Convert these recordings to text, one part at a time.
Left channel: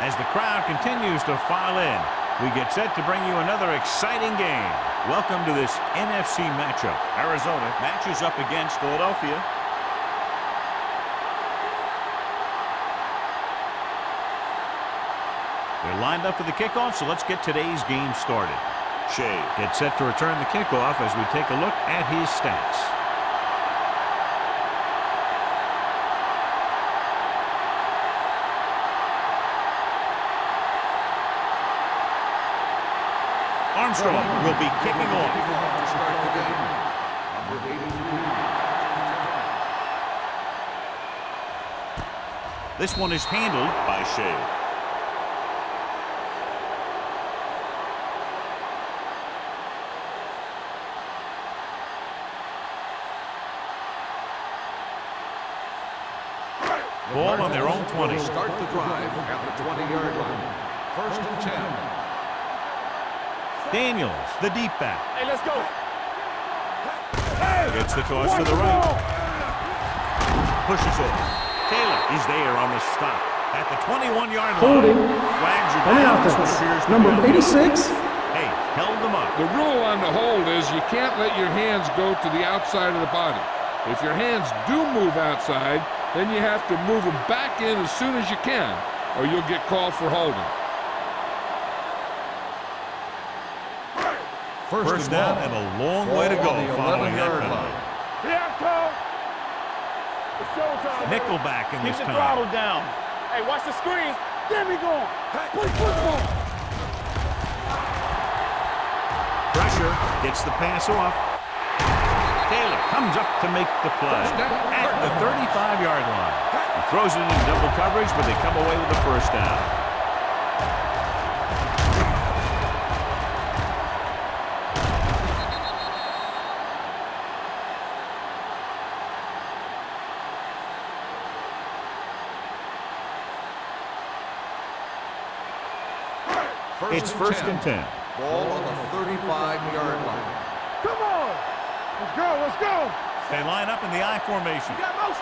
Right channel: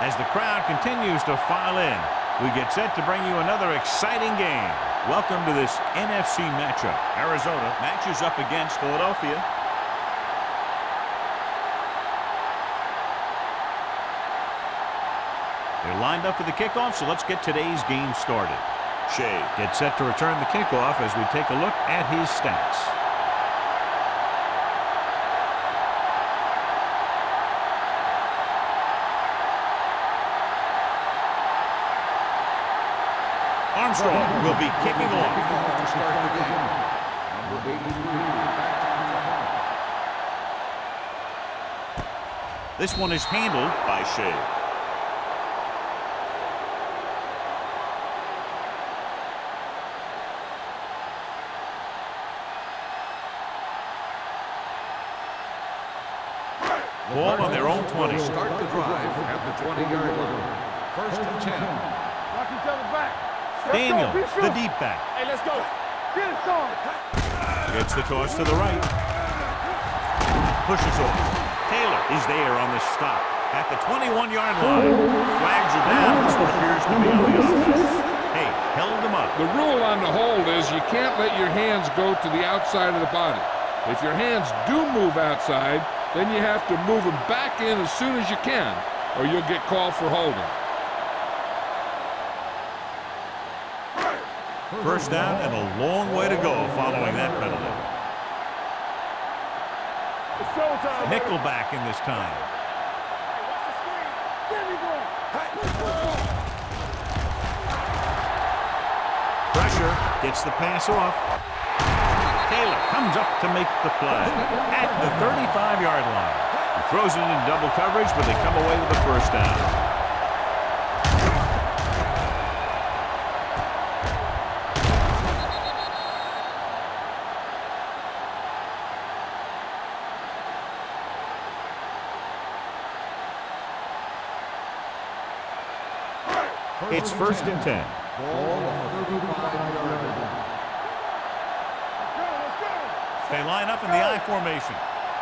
As the crowd continues to file in, we get set to bring you another exciting game. Welcome to this NFC matchup. Arizona matches up against Philadelphia. They're lined up for the kickoff, so let's get today's game started. Shea gets set to return the kickoff as we take a look at his stats. Armstrong will be kicking off. To start the game. Number 83. This one is handled by Shea. Ball on their own 20. Start the drive at the 20-yard line. First and 10. Daniels, the deep back. Hey, let's go. Gets the toss to the right. Pushes off. Taylor is there on the stop at the 21-yard line. Flags are down. This one appears to be on the offense. Hey, held him up. The rule on the hold is you can't let your hands go to the outside of the body. If your hands do move outside, then you have to move them back in as soon as you can, or you'll get called for holding. First down and a long way to go following that penalty. Nickelback in this time. Hey, watch the screen. There we go. Play football. Pressure gets the pass off. Taylor comes up to make the play at the 35-yard line. He throws it in double coverage, but they come away with the first down. It's first and 10. Ball on the 35-yard line. Come on. Let's go. Let's go. They line up in the I formation.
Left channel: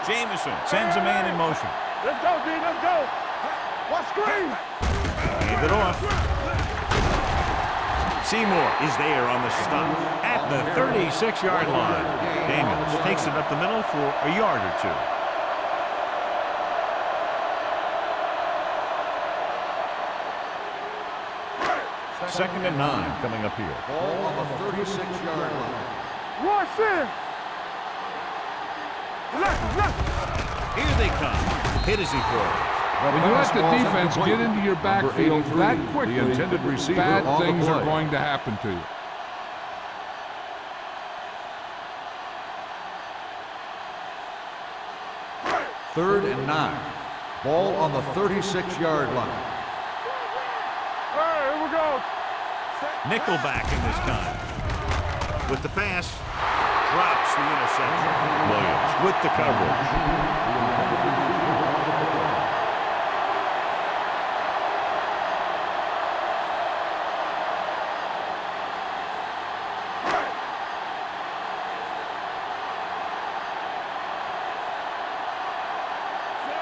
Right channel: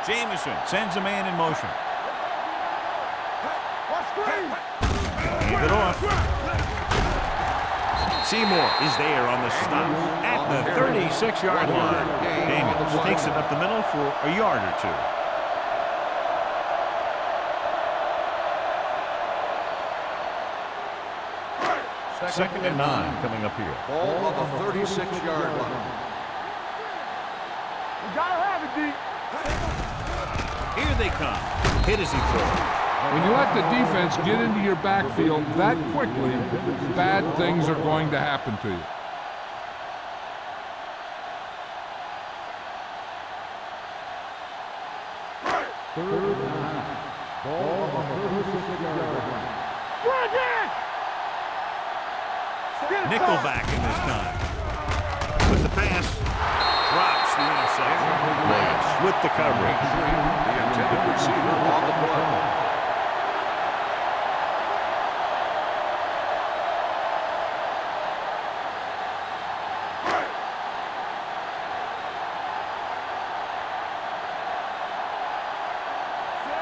Jamison sends a man in motion. Let's go, D. Let's go. Hey, watch screen. Hand it off. Seymour is there on the stop at the 36-yard line. Daniels takes it up the middle for a yard or two. Second and 9 coming up here. Ball on the 36-yard line. Rush in. You gotta have it, D. Here they come. Hit as he throws. When you let the defense get into your backfield that quickly, bad things are going to happen to you. Third and 9. Ball on the 36-yard line. Nickelback in this time. With the pass, drops the interception. Williams with the coverage. The intended receiver on the play.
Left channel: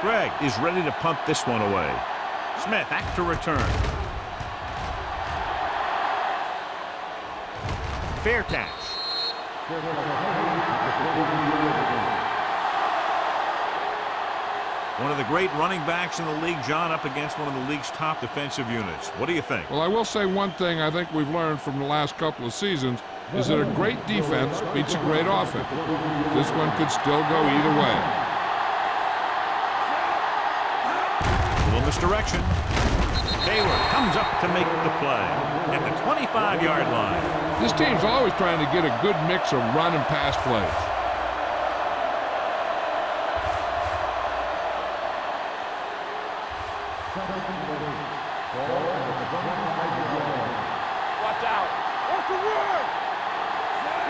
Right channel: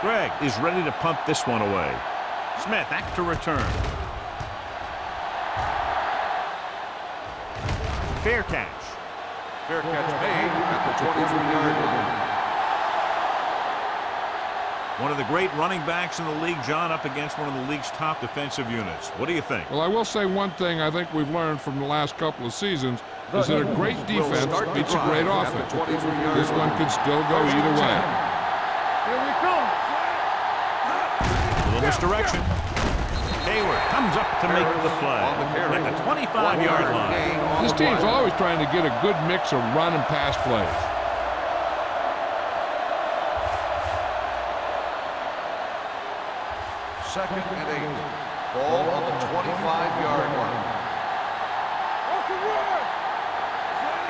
Greg is ready to punt this one away. Smith back to return. Fair catch. Fair catch made at the 22-yard line. One of the great running backs in the league, John, up against one of the league's top defensive units. What do you think? Well, I will say one thing I think we've learned from the last couple of seasons is that a great defense beats a great offense. This one could still go either way. Little misdirection. Hayward comes up to make the play at the 25-yard line. This team's always trying to get a good mix of run and pass plays. Second and 8. Ball on the 25-yard line. Watch out. What's the run?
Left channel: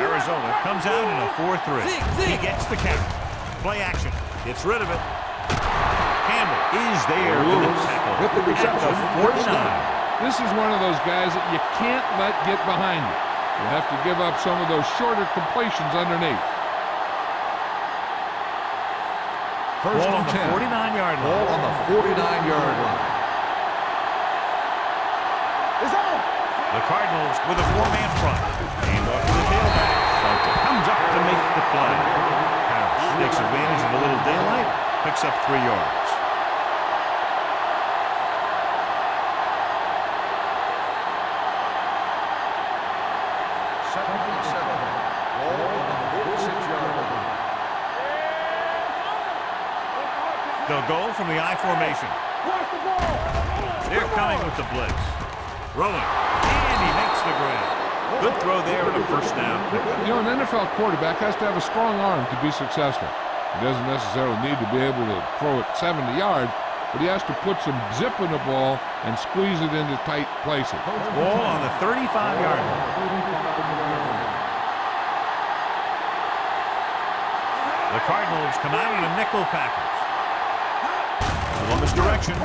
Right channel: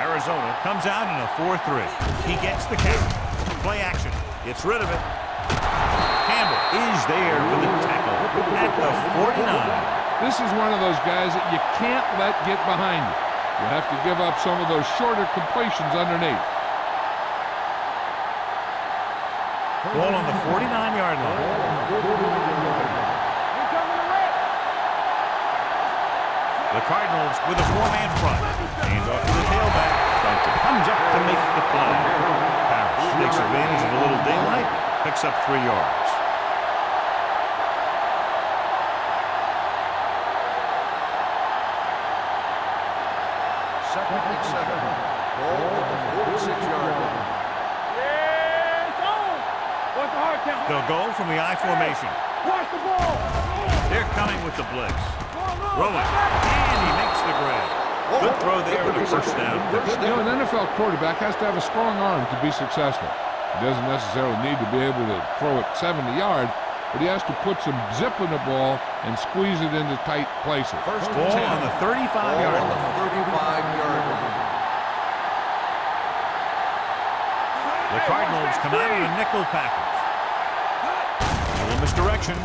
Arizona comes out in a 4-3. He gets the count. Play action. Gets rid of it. Campbell is there for the tackle at the 49. This is one of those guys that you can't let get behind you. You have to give up some of those shorter completions underneath. Ball on the 49-yard line. Ball on the 49-yard line. The Cardinals with a 4-man front. Hand off to the tailback. Duncan comes up to make the play. Harris takes advantage of a little daylight, picks up 3 yards. Second and 7. Ball on the 46-yard line. Yes, on. What's the hard count? They'll go from the I formation. Watch the ball. They're coming with the blitz. Throwing, and he makes the grab. Good throw there and a first down. You know, an NFL quarterback has to have a strong arm to be successful. He doesn't necessarily need to be able to throw it 70 yards, but he has to put some zip in the ball and squeeze it into tight places. Ball on the 35-yard line. The Cardinals come out in a nickel package. A little misdirection.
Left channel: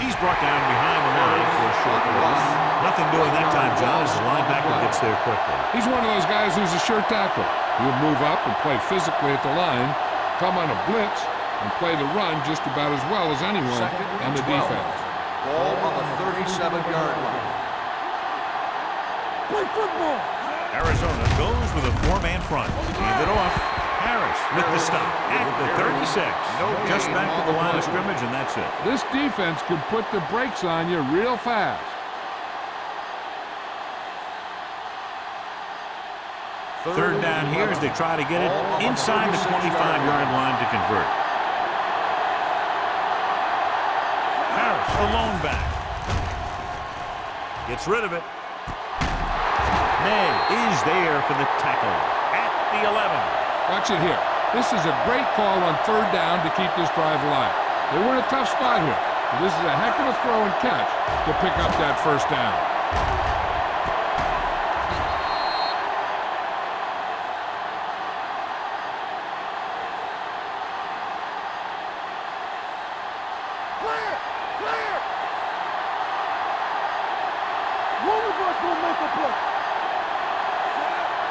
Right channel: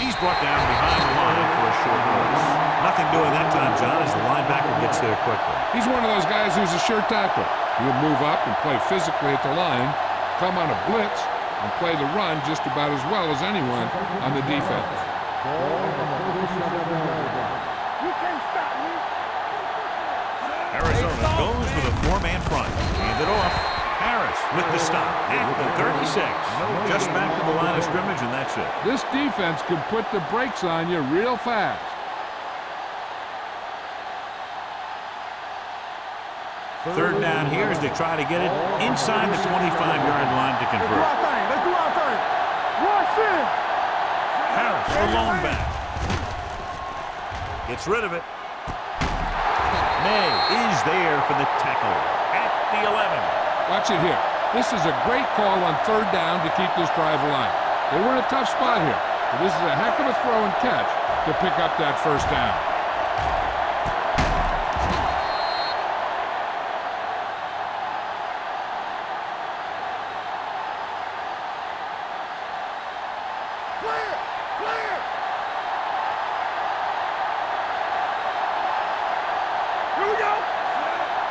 He's brought down behind the line for a short loss. Nothing doing that time, John, as the linebacker gets there quickly. He's one of those guys who's a sure tackler. He'll move up and play physically at the line, come on a blitz, and play the run just about as well as anyone on the defense. Ball on the 37-yard line. Play football. Arizona goes with a 4-man front. Hand it off. Harris with the stop at the 36. Just back to the line of scrimmage, and that's it. This defense can put the brakes on you real fast. Third down here as they try to get it inside the 25-yard line to convert. Harris, the lone back. Gets rid of it. May is there for the tackle at the 11. Watch it here. This is a great call on third down to keep this drive alive. They were in a tough spot here, but this is a heck of a throw and catch to pick up that first down. Clear! Clear! One of us will make a play. Here we go.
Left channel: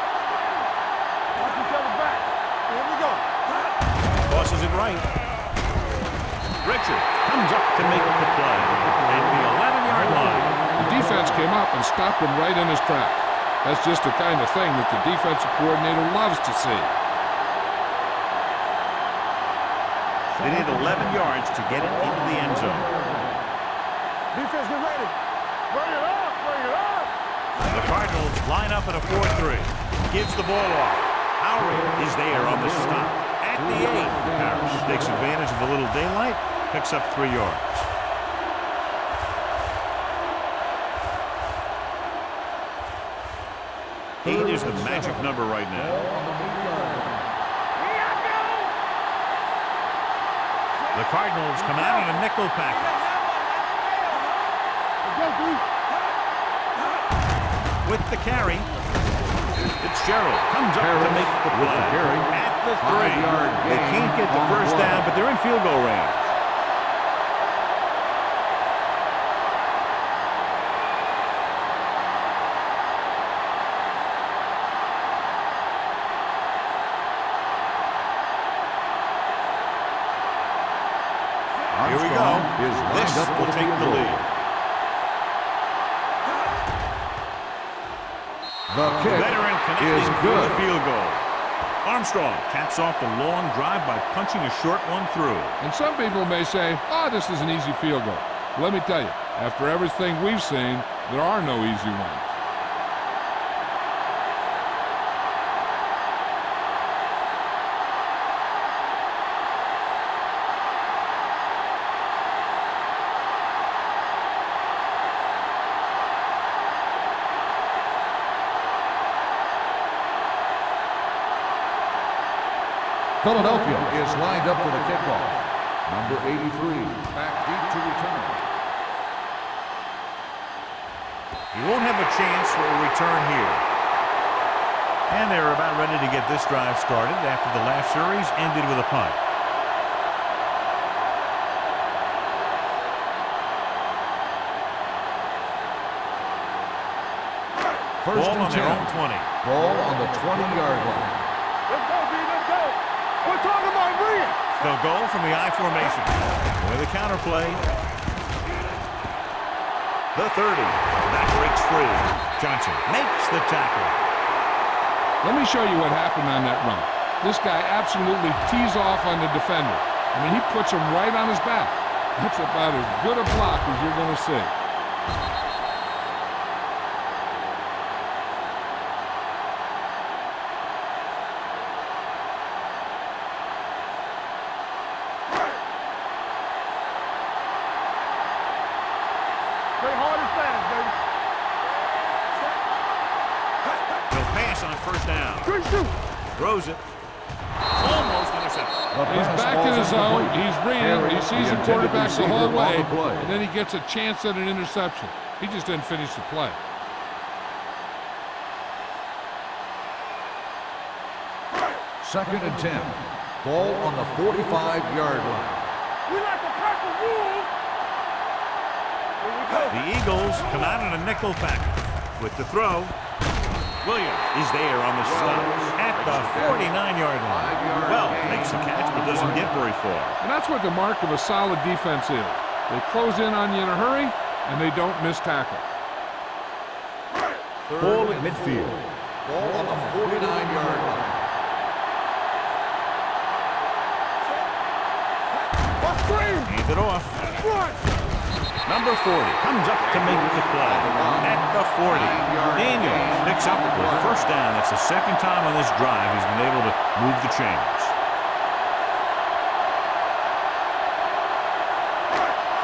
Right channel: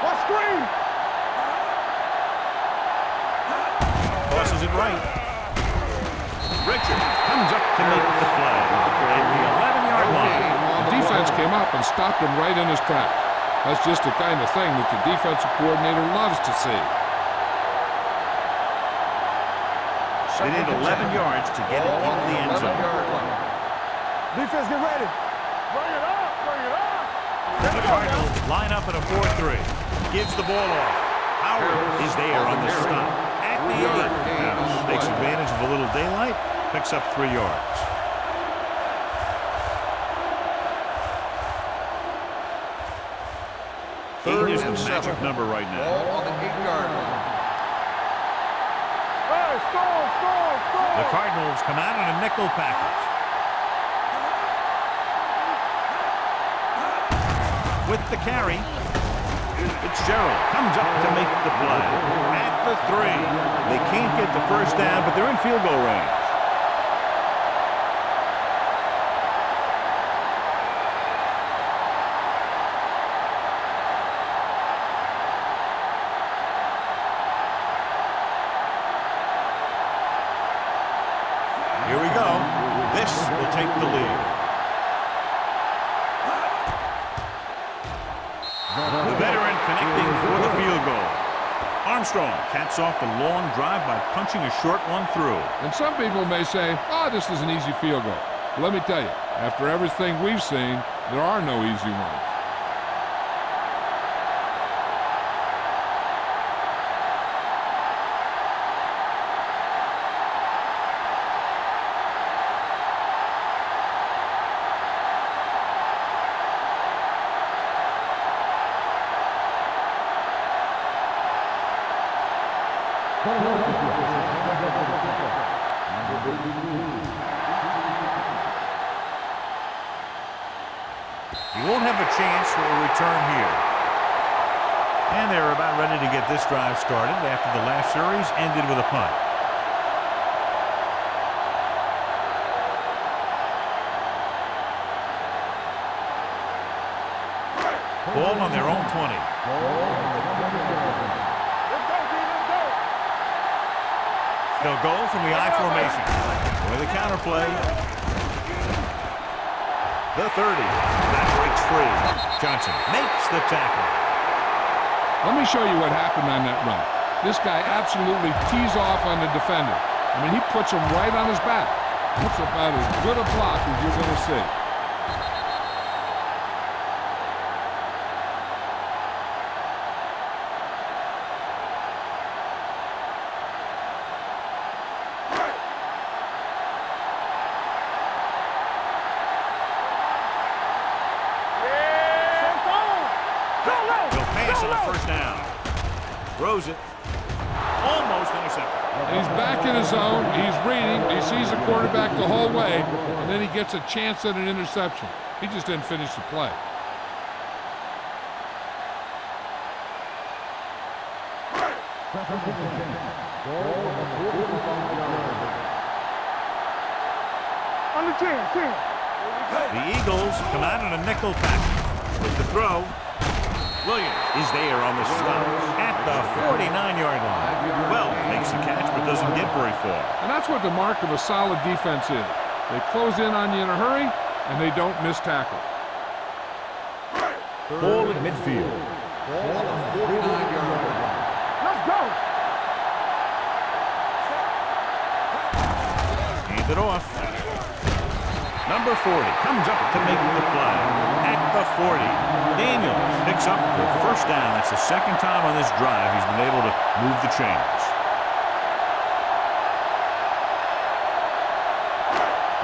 Watch screen. Tosses it right. Richard comes up to make the play at the 11-yard line. The defense came up and stopped him right in his tracks. That's just the kind of thing that the defensive coordinator loves to see. They need 11 yards to get it into the end zone. Defense, get ready. Bring it up. Bring it up. The Cardinals line up in a 4-3. Gives the ball off. Howry is there on the stop at the 8. Harris takes advantage of a little daylight, picks up 3 yards. Eight is the magic number right now. The Cardinals come out in a nickel package. With the carry, Fitzgerald comes up to make the play at the 3. They can't get the first down, but they're in field goal range. Here we go. This will take the lead. The veteran connecting for the field goal. Armstrong caps off the long drive by punching a short one through. And some people may say, oh, this is an easy field goal. But let me tell you, after everything we've seen, there are no easy ones. Philadelphia is lined up for the kickoff. Number 83, back deep to return. He won't have a chance for a return here. And they're about ready to get this drive started after the last series ended with a punt. Ball on their own 20. Ball on the 20-yard line. Let's go, D. Let's go. We're talking about brilliant. They'll go from the I formation. With a counter play. the 30. That breaks free. Johnson makes the tackle. Let me show you what happened on that run. This guy absolutely tees off on the defender. I mean, he puts him right on his back. That's about as good a block as you're going to see. He'll pass on first down. Throws it. Almost intercepted. He's back in his zone. He's reading. He sees the quarterback the whole way, and then he gets a chance at an interception. He just didn't finish the play. Second and 10. Ball on the 45-yard line. The Eagles come out in a nickel package. With the throw, Williams is there on the stop at the 49-yard line. Well, makes the catch but doesn't get very far. And that's what the mark of a solid defense is. They close in on you in a hurry, and they don't miss tackle. Ball at midfield. Ball on the 49-yard line. Hand it off. Number 40 comes up to make the play at the 40. Daniels picks up the first down. That's the second time on this drive he's been able to move the chains.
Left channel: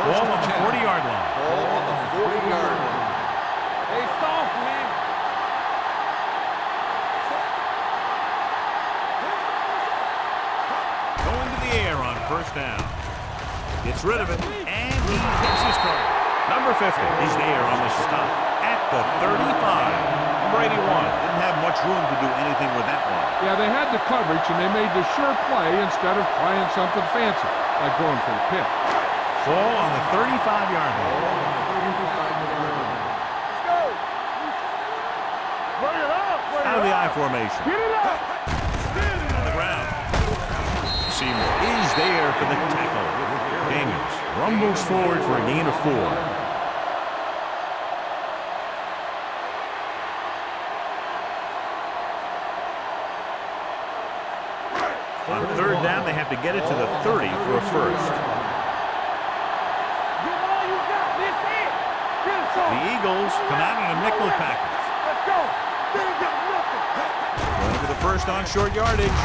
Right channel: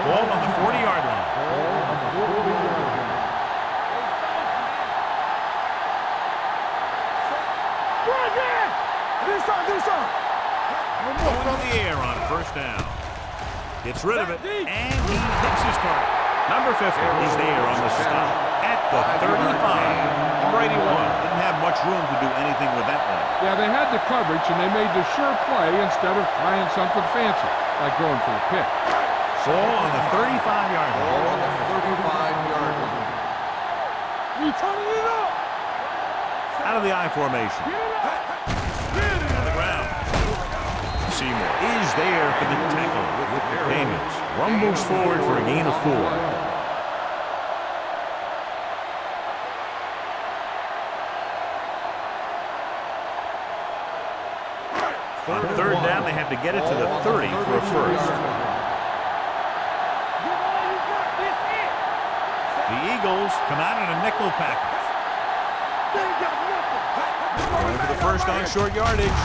Ball on the 40-yard line. Ball on the 40-yard line. Hey, soft, man. Going to the air on first down. Gets rid of it, and he hits his target. Number 50 is there on the stop at the 35. Number 81 didn't have much room to do anything with that one. Yeah, they had the coverage, and they made the sure play instead of trying something fancy, like going for the pick. Ball on the 35-yard line. Ball on the 35-yard line. We turning it up. Out of the I formation. Get it up. On the ground. Seymour is there for the tackle. Daniels rumbles forward for a gain of 4. On third down, they have to get it to the 30 for a first. Give all you got. This it. The Eagles come out in a nickel package. Let's go. They ain't got nothing. Going for the first on short yardage.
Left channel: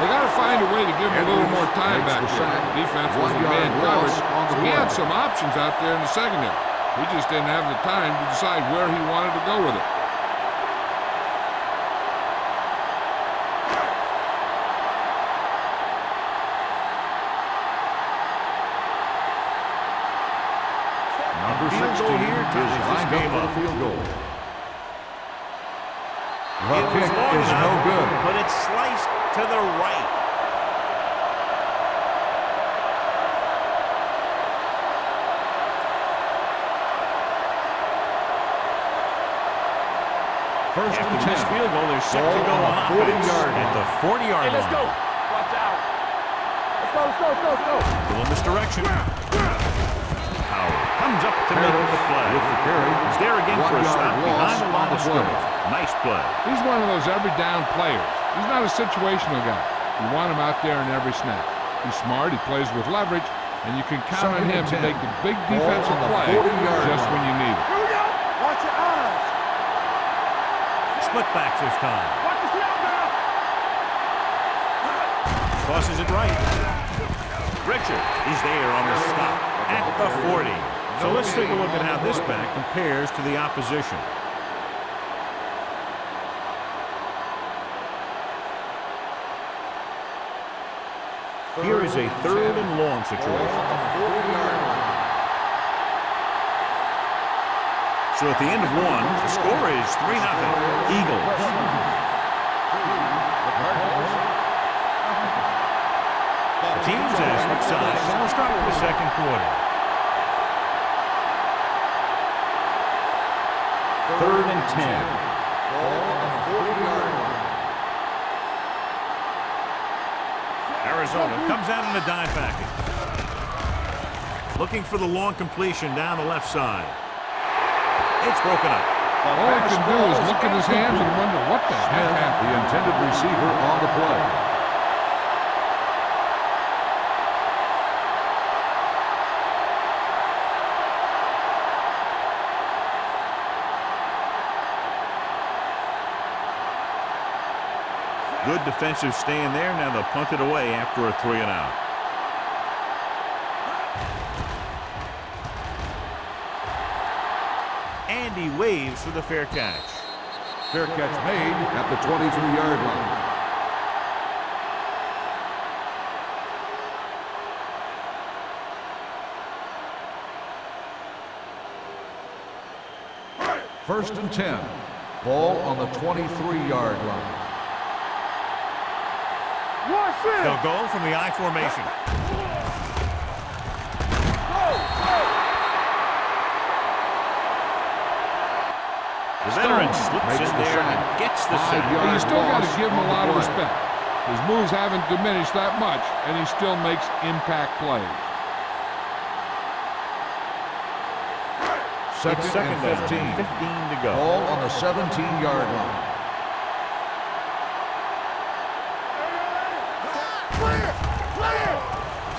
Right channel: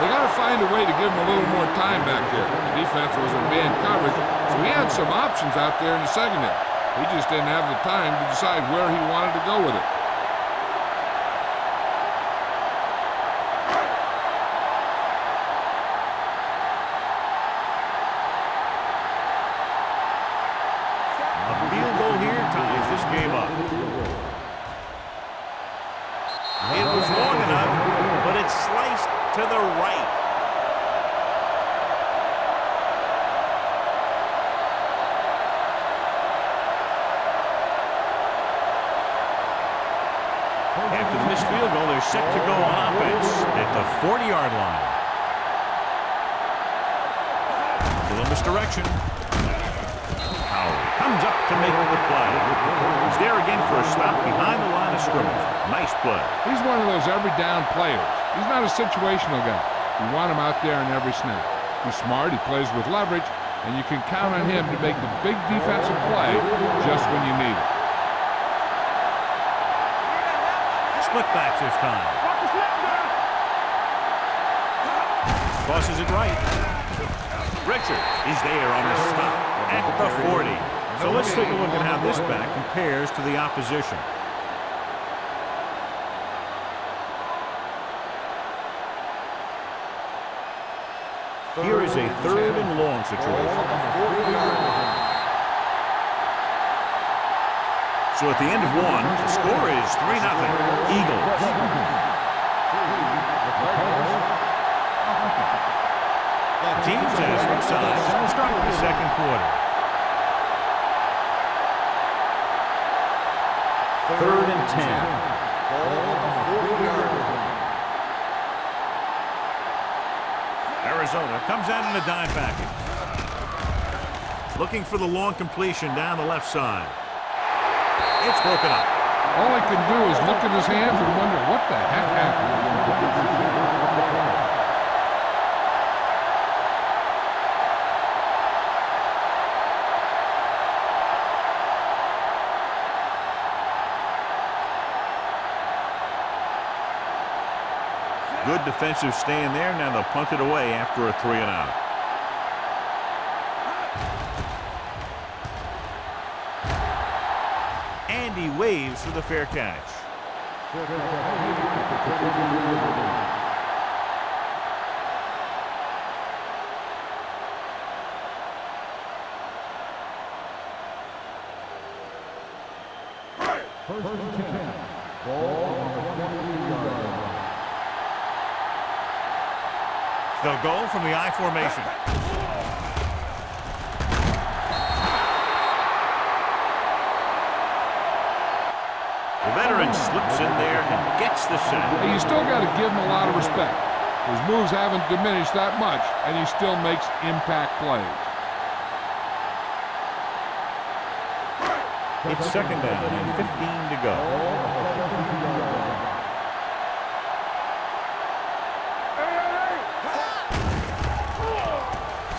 They got to find a way to give him a little more time back there. The defense was in man coverage, so he had some options out there in the secondary. He just didn't have the time to decide where he wanted to go with it. A field goal here ties this game up. It was long enough, but it's sliced to the right. After the missed field goal, they're set to go on offense at the 40-yard line. Little misdirection. Howard comes up to make the play. He's there again for a stop behind the line of scrimmage. Nice play. He's one of those every down players. He's not a situational guy. You want him out there in every snap. He's smart, he plays with leverage, and you can count on him to make the big defensive play just when you need it. Split backs this time. Watch the snap down. Tosses it right. Richard is there on the stop at the 40. So let's take a look at how this back compares to the opposition. Here is a third and long situation. So at the end of one, the score is 3-0 Eagles. The teams have switched sides, and we'll start with the second quarter. Third and 10. Ball on the 40-yard line. Arizona comes out in a dime package. Looking for the long completion down the left side. It's broken up. All he can do is look at his hands and wonder what the heck happened. The intended receiver on the play. Good defensive stand there. Now they'll punt it away after a 3 and out. And he waves for the fair catch. Fair catch made at the 23-yard line. First and 10. Ball on the 23-yard line. They'll go from the I formation. The veteran slips in there and gets the sack. Hey, you still got to give him a lot of respect. His moves haven't diminished that much, and he still makes impact plays. It's second down and 15 to go. Ball on the 17-yard line.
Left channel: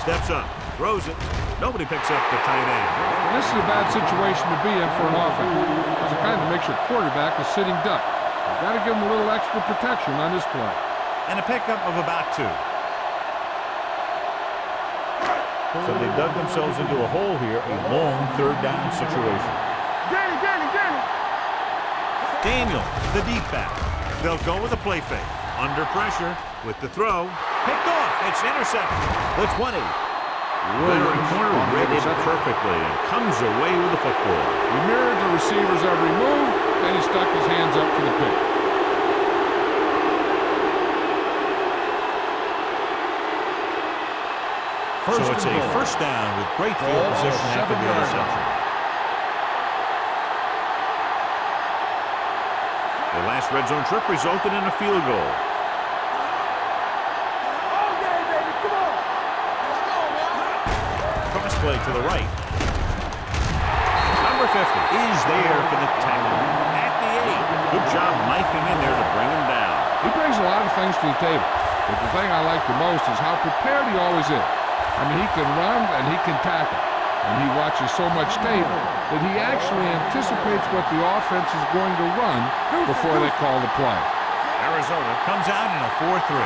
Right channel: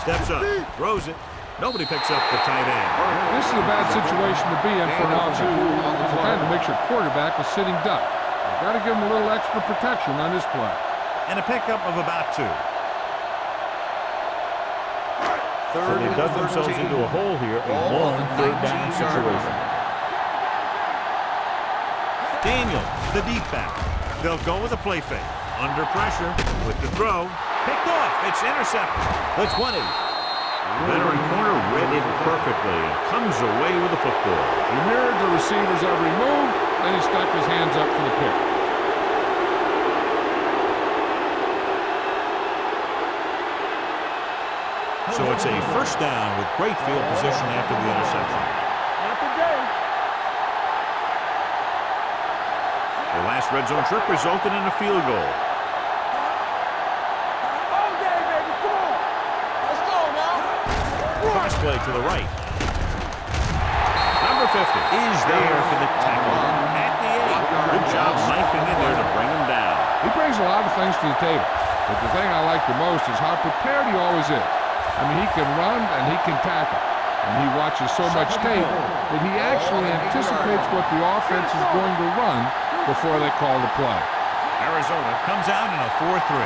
Steps up, throws it. Nobody picks up the tight end. This is a bad situation to be in for an offense, because it kind of makes your quarterback a sitting duck. You've got to give him a little extra protection on this play. And a pickup of about 2. So they dug themselves into a hole here, a long third down situation. Daniel, the deep back. They'll go with a play fake. Under pressure with the throw. Picked off. It's intercepted. The 20. Veteran corner read it perfectly and comes away with the football. He mirrored the receiver's every move, then he stuck his hands up for the pick. So it's a first down with great field position after the interception. The last red zone trip resulted in a field goal. Cross play to the right. Number 50 is there for the tackle at the 8. Good job knifing in there to bring him down. He brings a lot of things to the table, but the thing I like the most is how prepared he always is. I mean, he can run and he can tackle, and he watches so much tape that he actually anticipates what the offense is going to run before they call the play. Arizona comes out in a 4-3.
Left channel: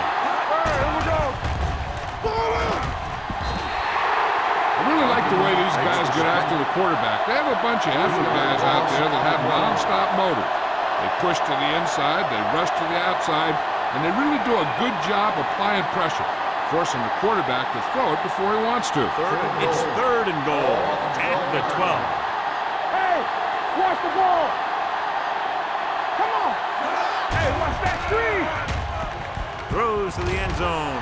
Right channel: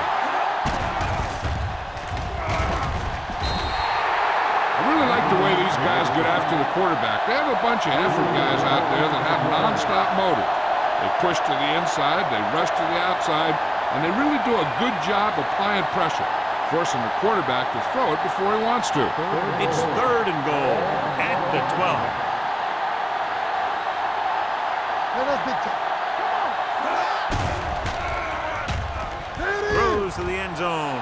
I really like the way these guys get after the quarterback. They have a bunch of effort guys out there that have non-stop motors. They push to the inside, they rush to the outside, and they really do a good job applying pressure, forcing the quarterback to throw it before he wants to. It's 3rd and goal at the 12. Hey, watch the ball. Come on. Throws to the end zone.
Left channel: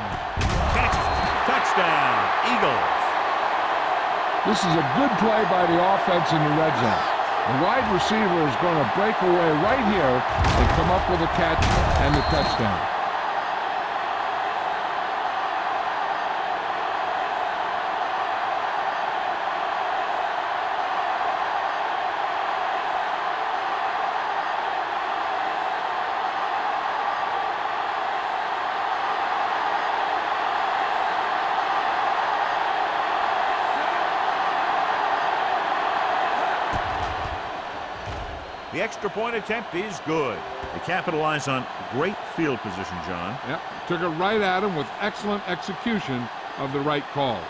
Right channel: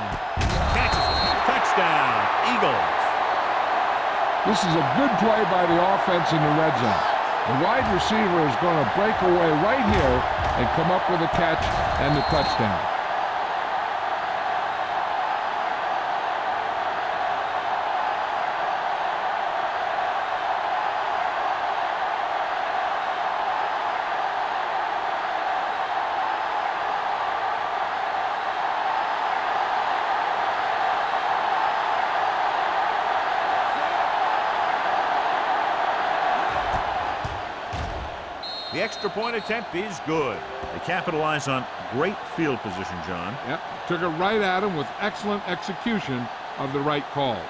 Catches it. Touchdown, Eagles. This is a good play by the offense in the red zone. The wide receiver is going to break away right here and come up with a catch and the touchdown. The extra point attempt is good. They capitalize on great field position, John. Yep, took it right at him with excellent execution of the right calls.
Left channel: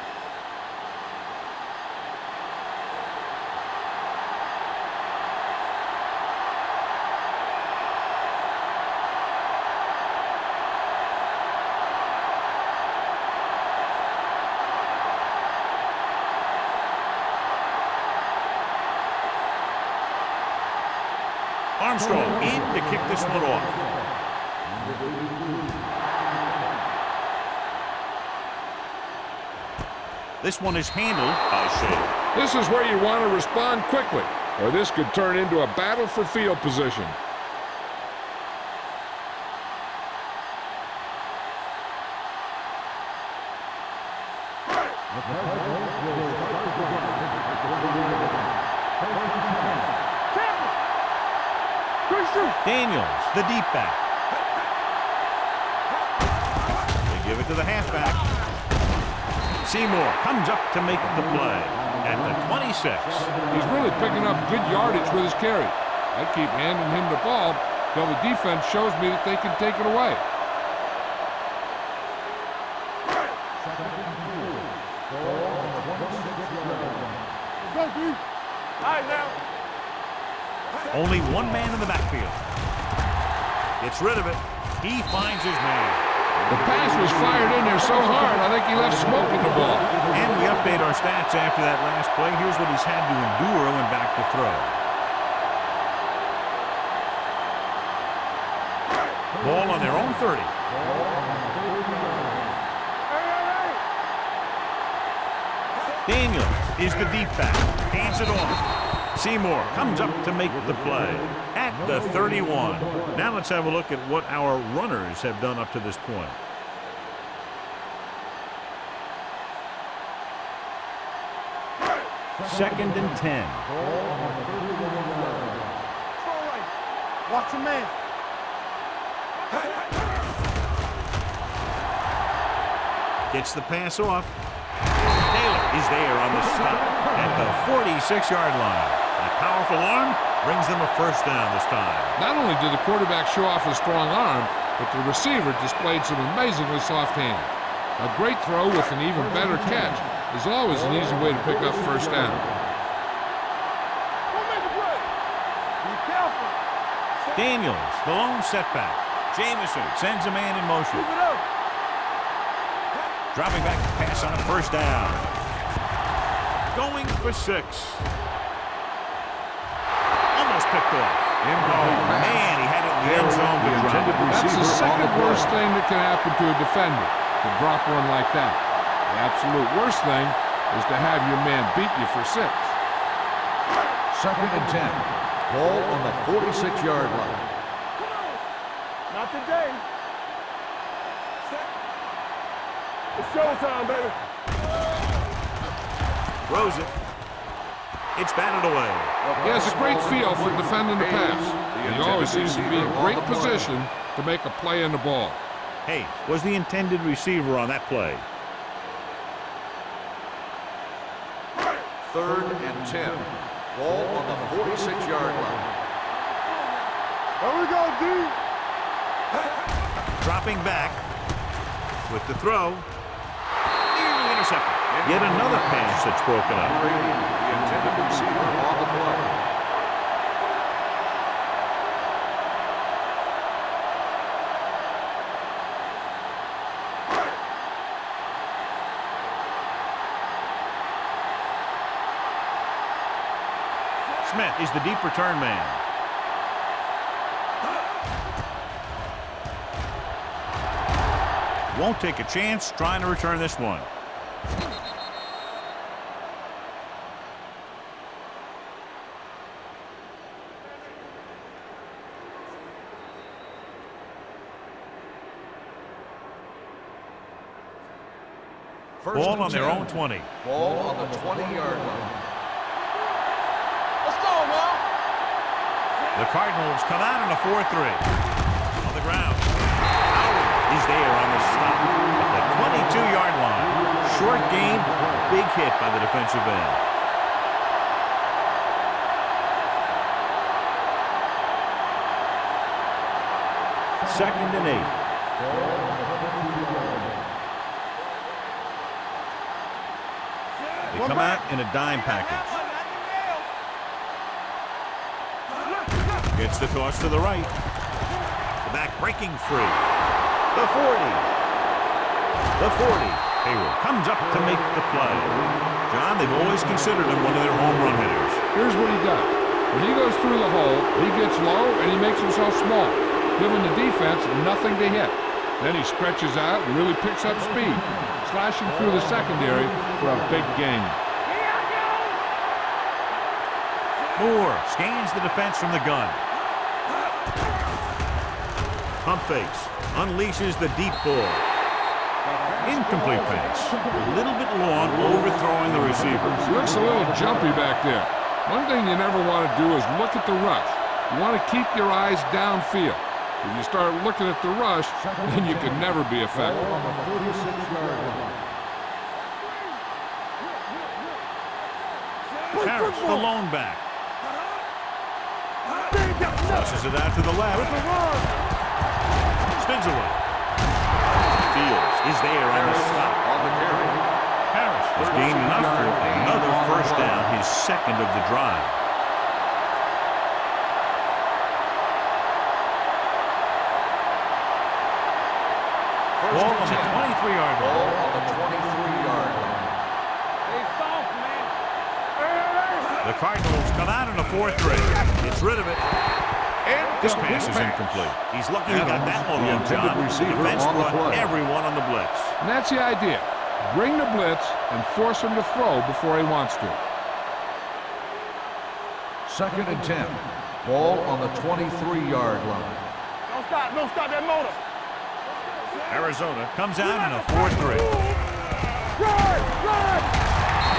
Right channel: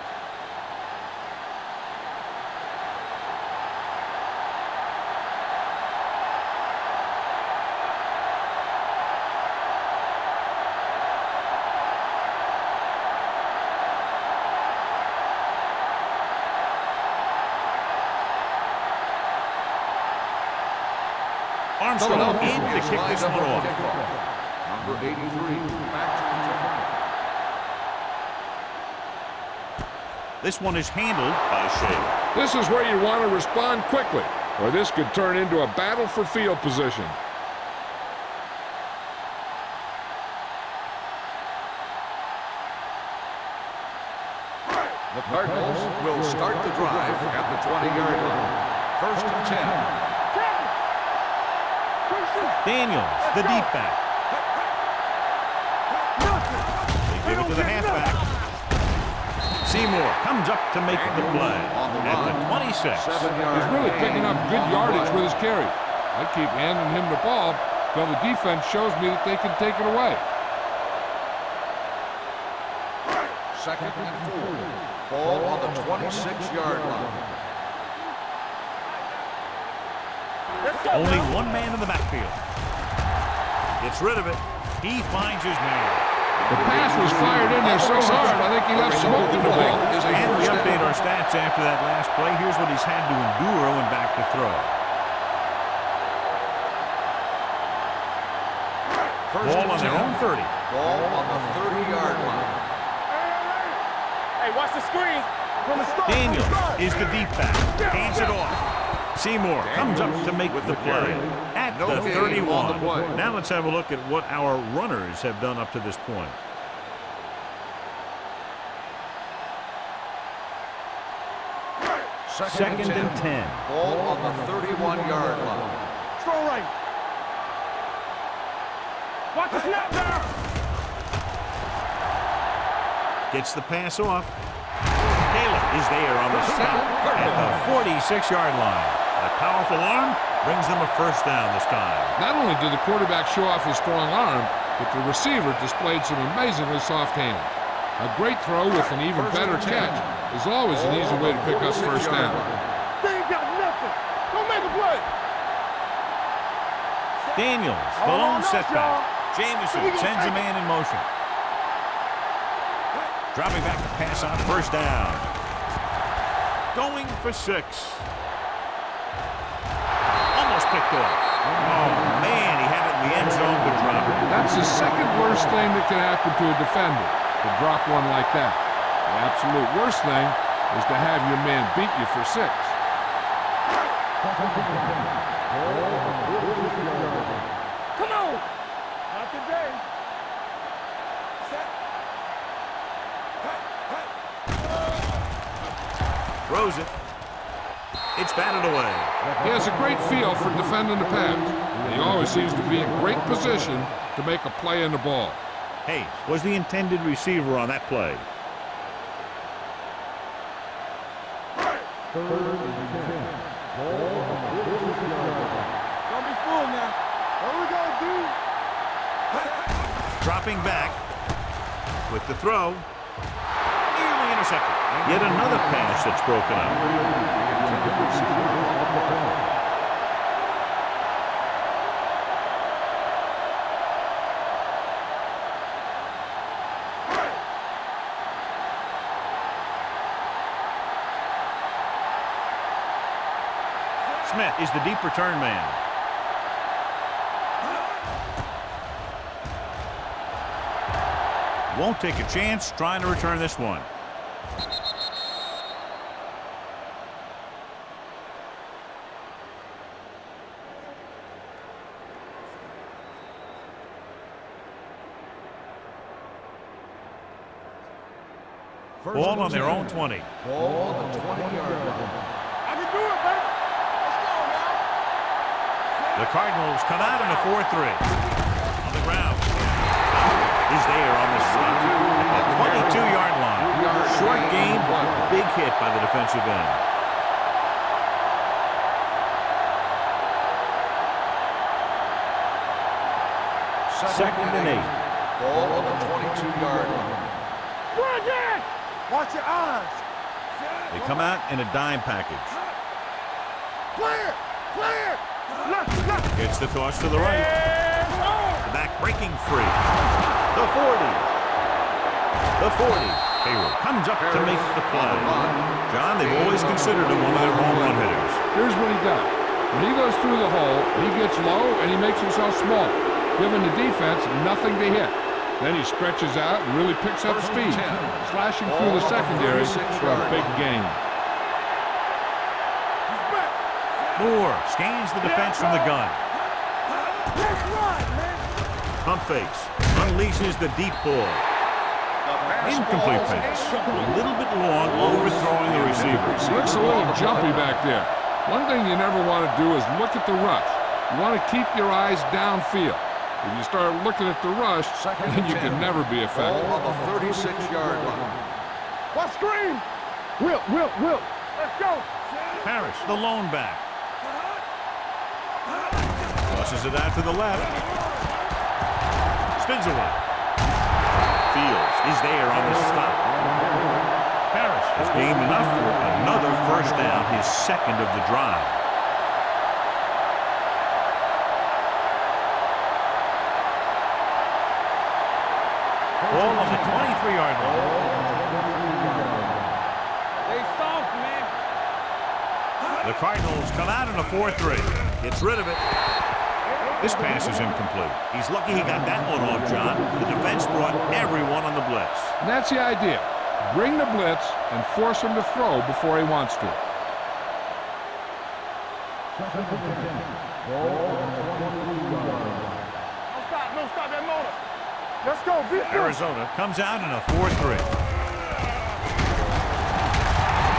Armstrong in to kick this one off. Number 83. This one is handled by Shea. This is where you want to respond quickly, or this could turn into a battle for field position. The Cardinals will start the drive at the 20-yard line. 1st and 10. Daniels, the deep back. They give it to the halfback. Seymour comes up to make the play at the 26. He's really picking up good yardage with his carry. I keep handing him the ball till the defense shows me that they can take it away. 2nd and 4. Ball on the 26-yard line. Only one man in the backfield. Gets rid of it. He finds his man. The pass was fired in there so hard, I think he left smoke in the ball. And we update our stats after that last play. Here's what he's had to endure when back to throw. Ball on their own 30. Ball on the 30-yard line. Hey, watch the screen. Daniels is the deep back. Hands it off. Seymour comes up to make the play at the 31. Now let's have a look at what our runners have done up to this point. Second and 10. Ball on the 31-yard line. Throw right. Watch your man. Watch your man. Gets the pass off. Taylor is there on the stop at the 46-yard line. That powerful arm brings them a first down this time. Not only did the quarterback show off his strong arm, but the receiver displayed some amazingly soft hands. A great throw with an even better catch is always an easy way to pick up first down. They ain't got nothing. Don't make a play. Daniels, the lone setback. Jamison sends a man in motion. Dropping back to pass on first down. Going for 6. Almost picked off. Oh, man, he had it in the end zone, but dropped it. That's the second worst thing that can happen to a defender, to drop one like that. The absolute worst thing is to have your man beat you for 6. 2nd and 10. Ball on the 46-yard line. Come on. Not today. Set. It's showtime, baby. Throws it. It's batted away. He has a great feel for defending the pass, and he always seems to be in great position to make a play in the ball. Hayes was the intended receiver on that play. 3rd and 10. Ball on the 46-yard line. There we go, D. Dropping back with the throw. Nearly intercepted. Yet another pass that's broken up. Brady, the intended receiver on the play. Smith is the deep return man. Won't take a chance trying to return this one. Ball on their own 20. Ball on the 20-yard line. Let's go now. The Cardinals come out in a 4-3. On the ground. Howard is there on the stop at the 22-yard line. Short gain, big hit by the defensive end. Second and 8. Ball on the 22-yard line. Watch your eyes. They come out in a dime package. Clear. Gets the toss to the right. The back breaking free. The 40. The 40. Hayward comes up to make the play. John, they've always considered him one of their home run hitters. Here's what he does. When he goes through the hole, he gets low and he makes himself small, giving the defense nothing to hit. Then he stretches out and really picks up speed, slashing through the secondary for a big gain. Moore scans the defense from the gun. Pump fakes. Unleashes the deep ball. Incomplete pass. A little bit long, overthrowing the receiver. Looks a little jumpy back there. One thing you never want to do is look at the rush. You want to keep your eyes downfield. If you start looking at the rush, then you can never be effective. Ball on the 36-yard line. What screen? Will. Let's go. Harris, the lone back. Tosses it out to the left. Spins away. Fields is there on the stop. On the carry. Harris has gained enough for another first down, his second of the drive. Ball on the 23-yard Ball line. on the 23-yard line. They soft, man. The Cardinals come out in a 4-3. Gets rid of it. This pass is incomplete. He's lucky he got that one off, John. The defense brought everyone on the blitz. And that's the idea. Bring the blitz and force him to throw before he wants to. 2nd and 10. Ball on the 23-yard line. No stop that motor. Let's go. Arizona comes out in a 4-3.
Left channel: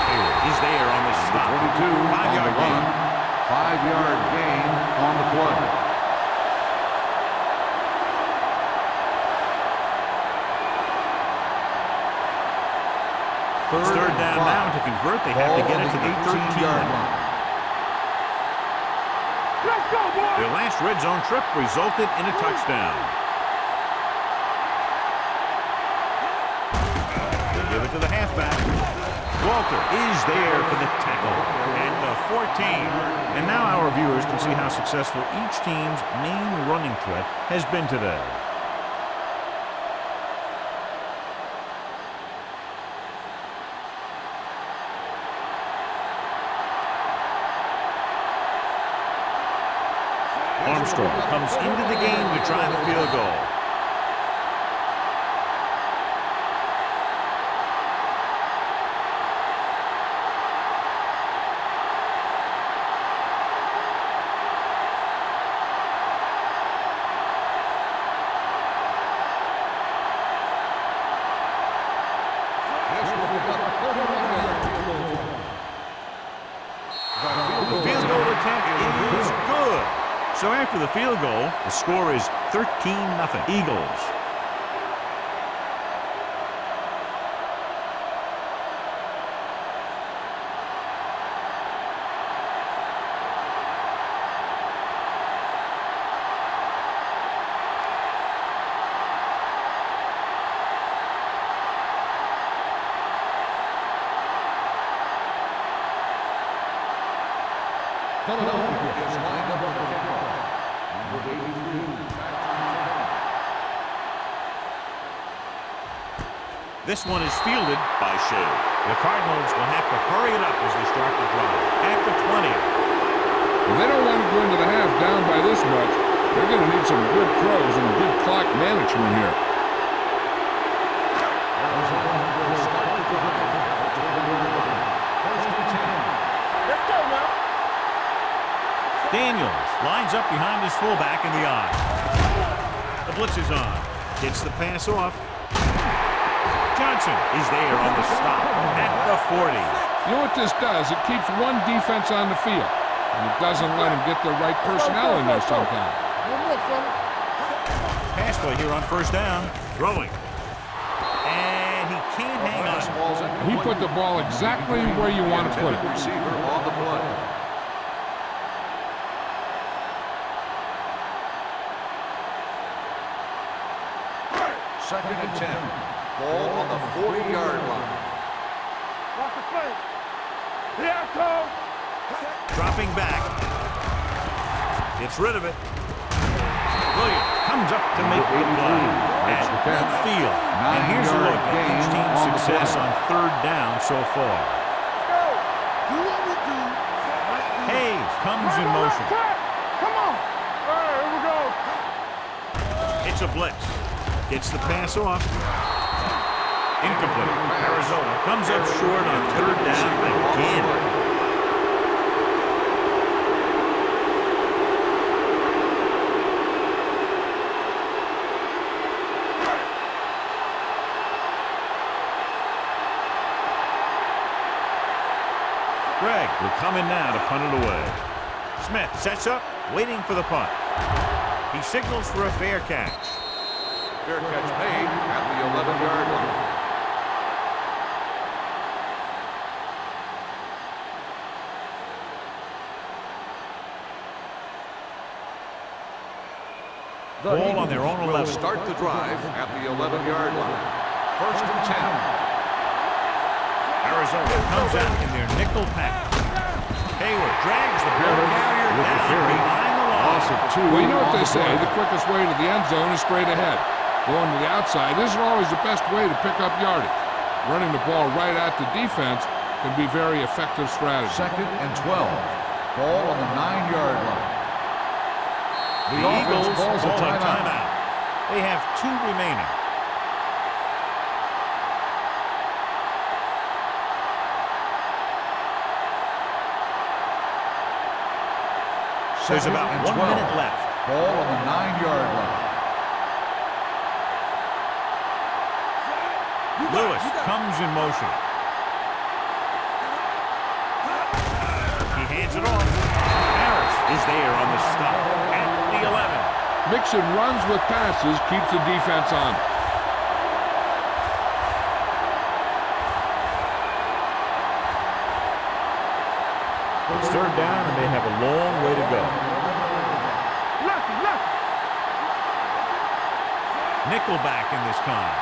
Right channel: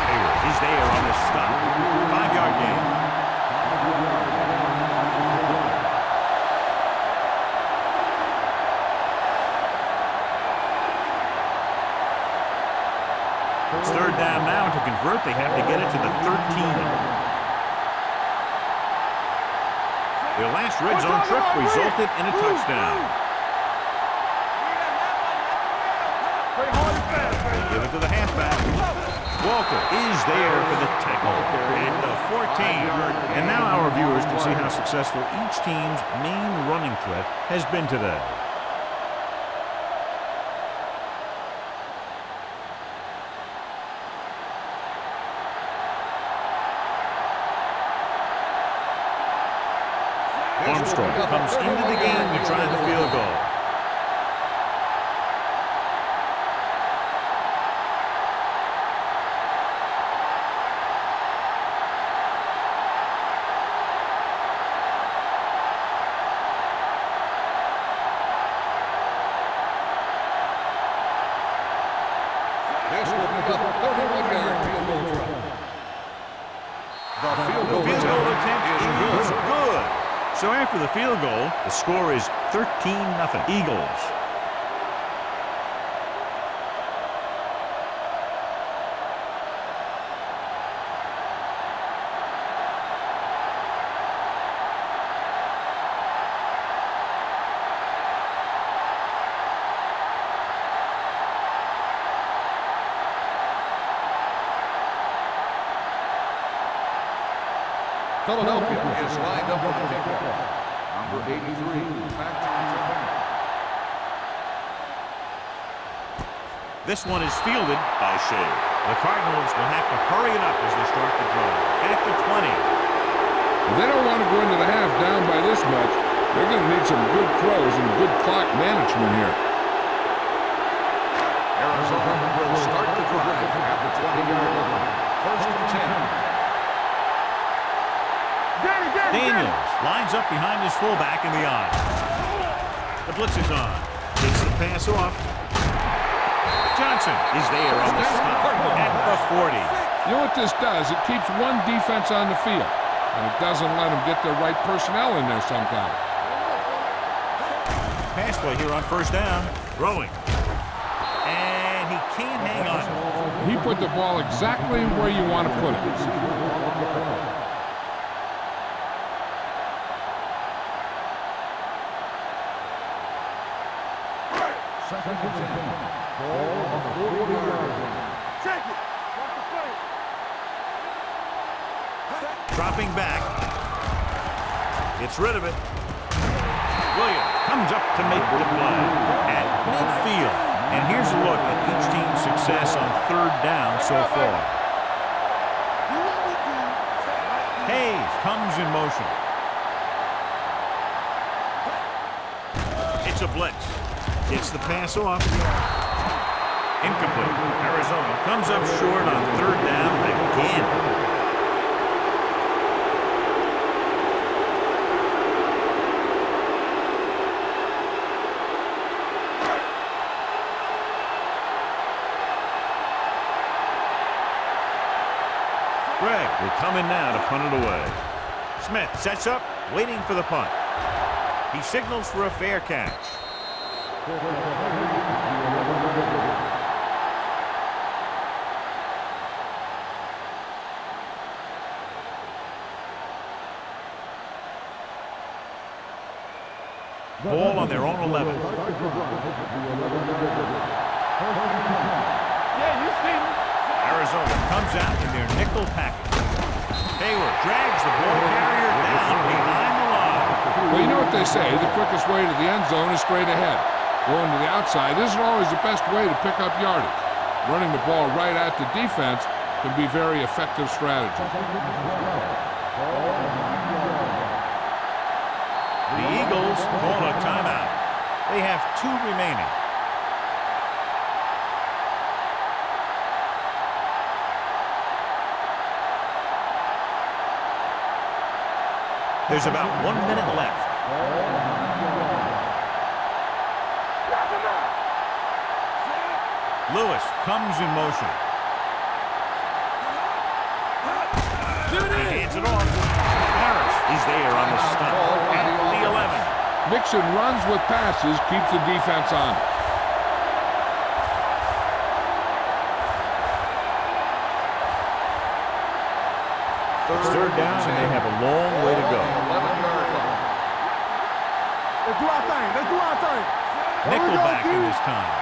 Hayward is there on the stop. 5-yard gain. 5-yard gain on the play. It's third down now. To convert, they have to get it to the 13. Their last red zone trip resulted in a touchdown. They give it to the halfback. Walter is there for the tackle at the 14. And now our viewers can see how successful each team's main running threat has been today. Armstrong comes into the game to try the field goal. This will be a 31-yard field goal try. The field goal attempt is good. So after the field goal, the score is 13-0 Eagles. Philadelphia is lined up for the kickoff. Number 83, back to return. This one is fielded by Shea. The Cardinals will have to hurry it up as they start the drive. At the 20. If they don't want to go into the half down by this much, they're going to need some good throws and good clock management here. Arizona will start the drive at the 20-yard line. 1st and 10. Daniels lines up behind his fullback in the I. The blitz is on. Gets the pass off. Johnson is there on the stop at the 40. You know what this does? It keeps one defense on the field, and it doesn't let them get the right personnel in there sometimes. Pass play here on first down. Throwing. And he can't hang on. He put the ball exactly where you want to put it. Receiver on the play. Second and 10. Ball on the 40-yard line. Watch the play. Dropping back. Gets rid of it. Williams comes up to make the play at midfield. And here's a look at each team's success on third down so far. Hayes comes in motion. It's a blitz. Gets the pass off. Incomplete. Arizona comes up short on third down again. Greg will come in now to punt it away. Smith sets up, waiting for the punt. He signals for a fair catch. Fair catch made at the 11-yard line. Ball on their own 11. Start the drive at the 11-yard line. 1st and 10. Arizona comes out in their nickel package. Hayward drags the ball carrier down behind the line. Well, you know what they say, the quickest way to the end zone is straight ahead. Going to the outside isn't always the best way to pick up yardage. Running the ball right at the defense can be very effective strategy. 2nd and 12. Ball on the 9-yard line. The Eagles call a timeout. They have 2 remaining. There's about 1 minute left. Ball on the 9-yard line. Lewis comes in motion. He hands it off. Harris is there on the stop at the 11. Mixing runs with passes keeps the defense on it. It's 3rd down, and they have a long way to go. Let's do our thing. Let's do our thing. Nickelback in this time.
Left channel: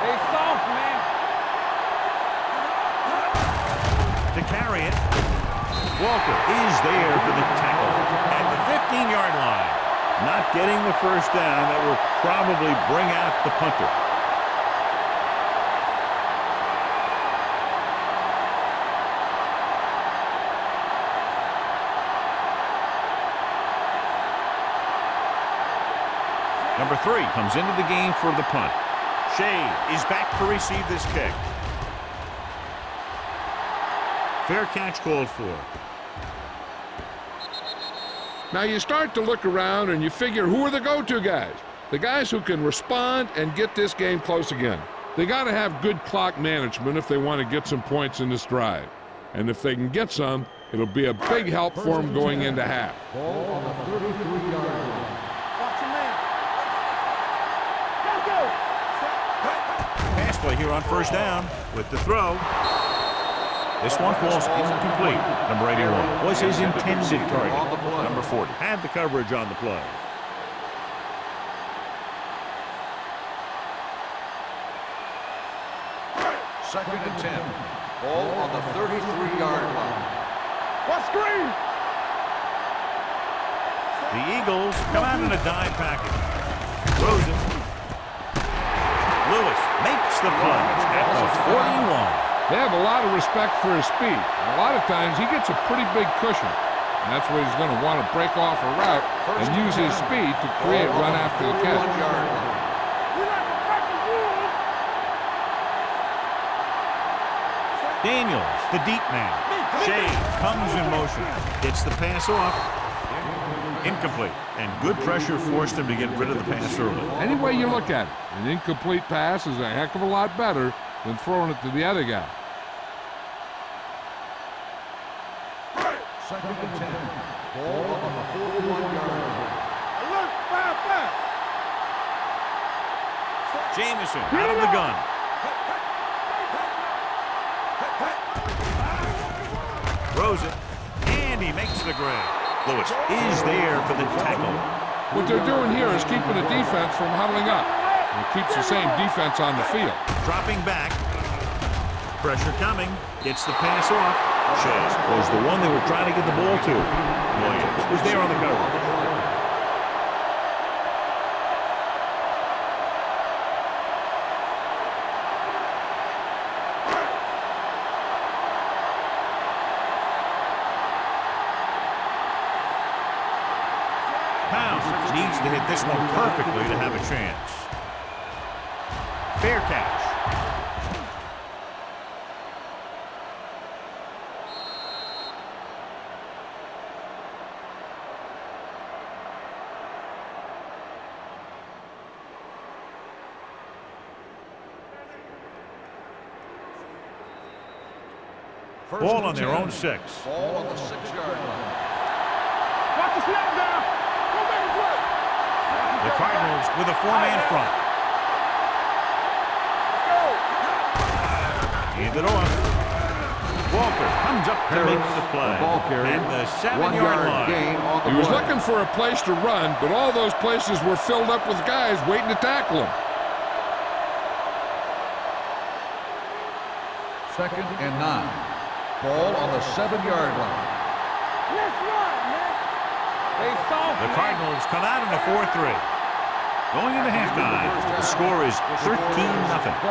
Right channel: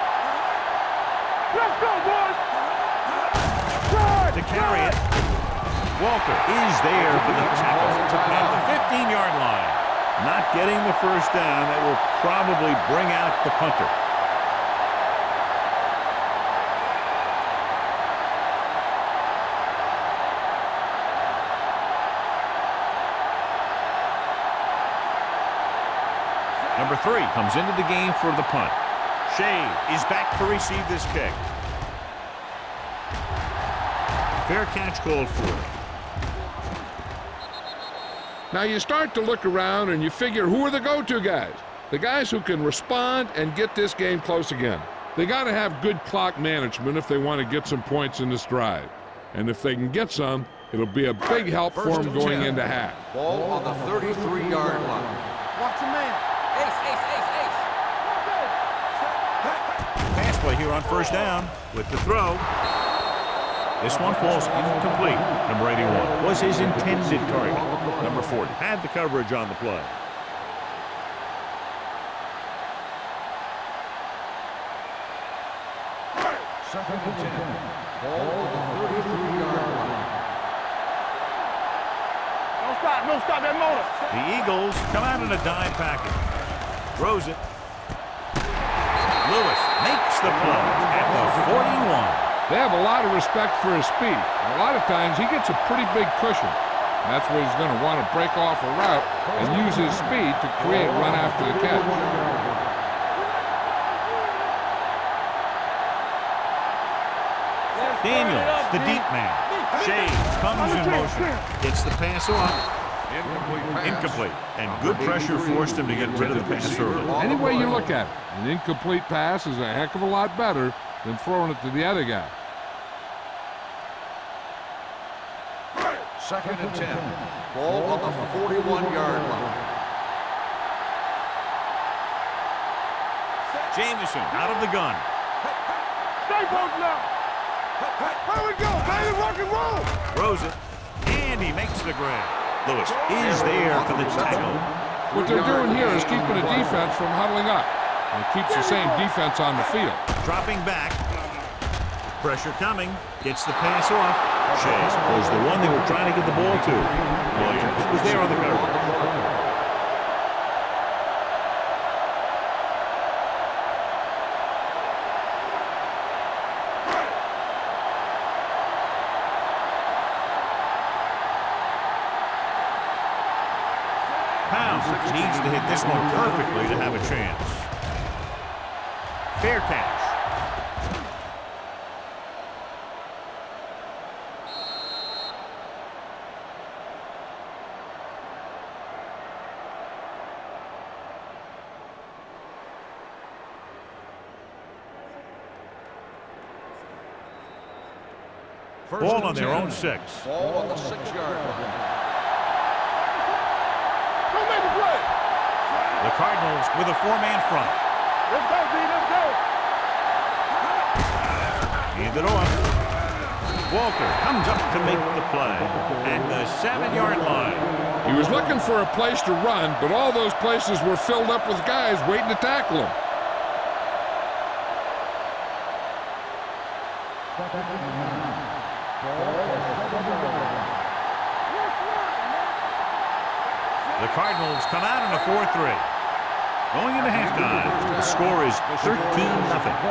Hey, soft, man. Let's go, boys. To carry it, Walter is there for the tackle at the 15-yard line. Not getting the first down. That will probably bring out the punter. Number 3 comes into the game for the punt. Shea is back to receive this kick. Fair catch called for. Now you start to look around and you figure, who are the go-to guys? The guys who can respond and get this game close again. They got to have good clock management if they want to get some points in this drive. And if they can get some, it'll be a big help for them going into half. Ball on the 33-yard line. Watch your man. Let's go. Pass play here on 1st down with the throw. This one falls incomplete. Number 81 was his intended target. Number 40 had the coverage on the play. Second and 10. Ball on the 33-yard line. What screen? Don't stop. Don't stop that motor. The Eagles come out in a dime package. Throws it. Lewis makes the play at the 41. They have a lot of respect for his speed. And a lot of times he gets a pretty big cushion. And that's where he's going to want to break off a route and use his speed to create run after the catch. We like to practice rules. Daniels, the deep man. Shea comes in motion. Gets the pass off. Incomplete. And good pressure forced him to get rid of the pass early. Any way you look at it, an incomplete pass is a heck of a lot better than throwing it to the other guy. Second and 10. Ball on the 41-yard line. Jamison out of the gun. Throws it, and he makes the grab. Lewis is there for the tackle. What they're doing here is keeping the defense from huddling up. And it keeps the same defense on the field. Dropping back. Pressure coming. Gets the pass off. Shea was the one they were trying to get the ball to. Williams was there on the coverage. Pound needs to hit this one perfectly to have a chance. Fair catch. Ball on their own 6. Ball on the 6-yard line. Watch the snap now. Don't make a play. The Cardinals with a 4-man front. Let's go, D. Let's go. Hand it off. Walter comes up to make the play at the 7-yard line. He was looking for a place to run, but all those places were filled up with guys waiting to tackle him. 2nd and 9. Ball on the 7-yard line. Let's run, man. The Cardinals come out in a 4-3. Going into halftime, the score is 13-0.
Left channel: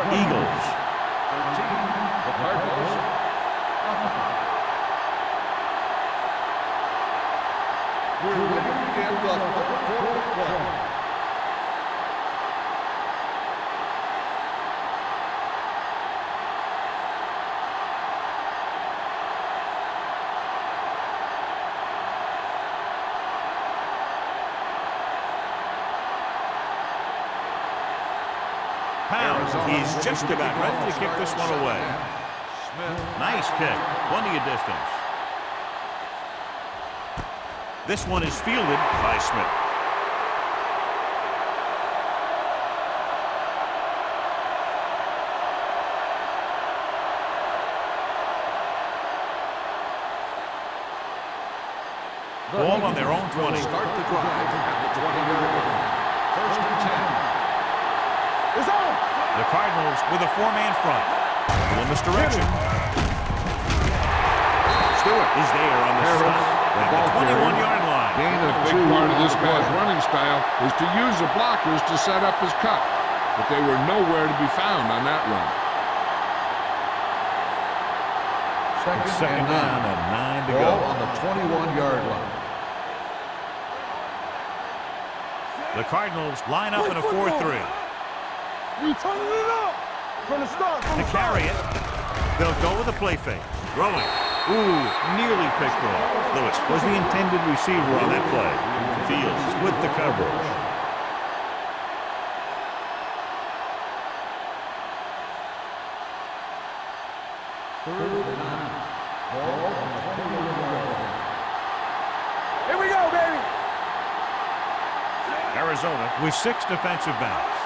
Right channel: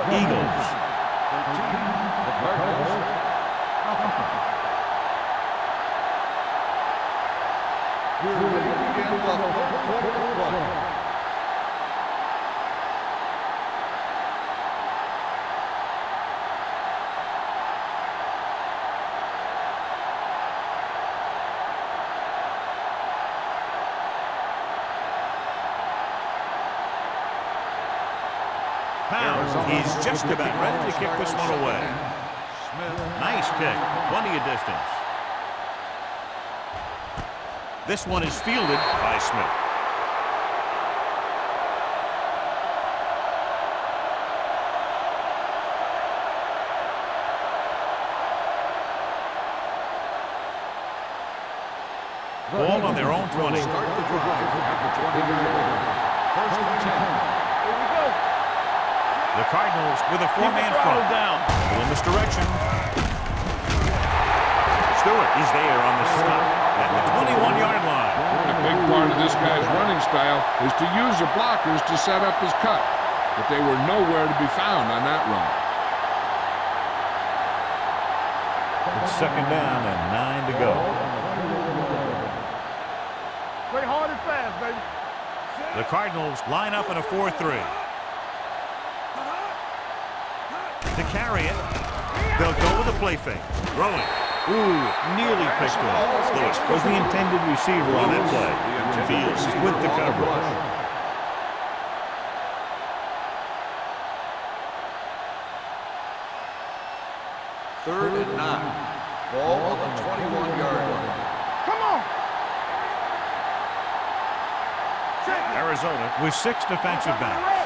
Eagles. 13. The Cardinals. Nothing. We're ready to begin the 3rd quarter of play. Pound is just about ready to kick this one away. Nice kick. Plenty of distance. This one is fielded by Smith. Ball on their own 20. Start the drive at the 20-yard line. 1st and 10. The Cardinals with a 4-man front. Go in this direction. Stewart is there on the stop at the 21-yard line. A big part of this guy's running style is to use the blockers to set up his cut, but they were nowhere to be found on that run. It's 2nd down and 9 to go. On the 21-yard line. Play hard and fast, baby. The Cardinals line up in a 4-3. We turn it up from the start. To carry it, they'll go with a play fake. Throwing. Ooh, nearly picked off. Lewis was the intended receiver on that play. Fields with the coverage. Third and 9. Ball on the 21-yard line. Come on. Here we go, baby. Arizona with 6 defensive backs.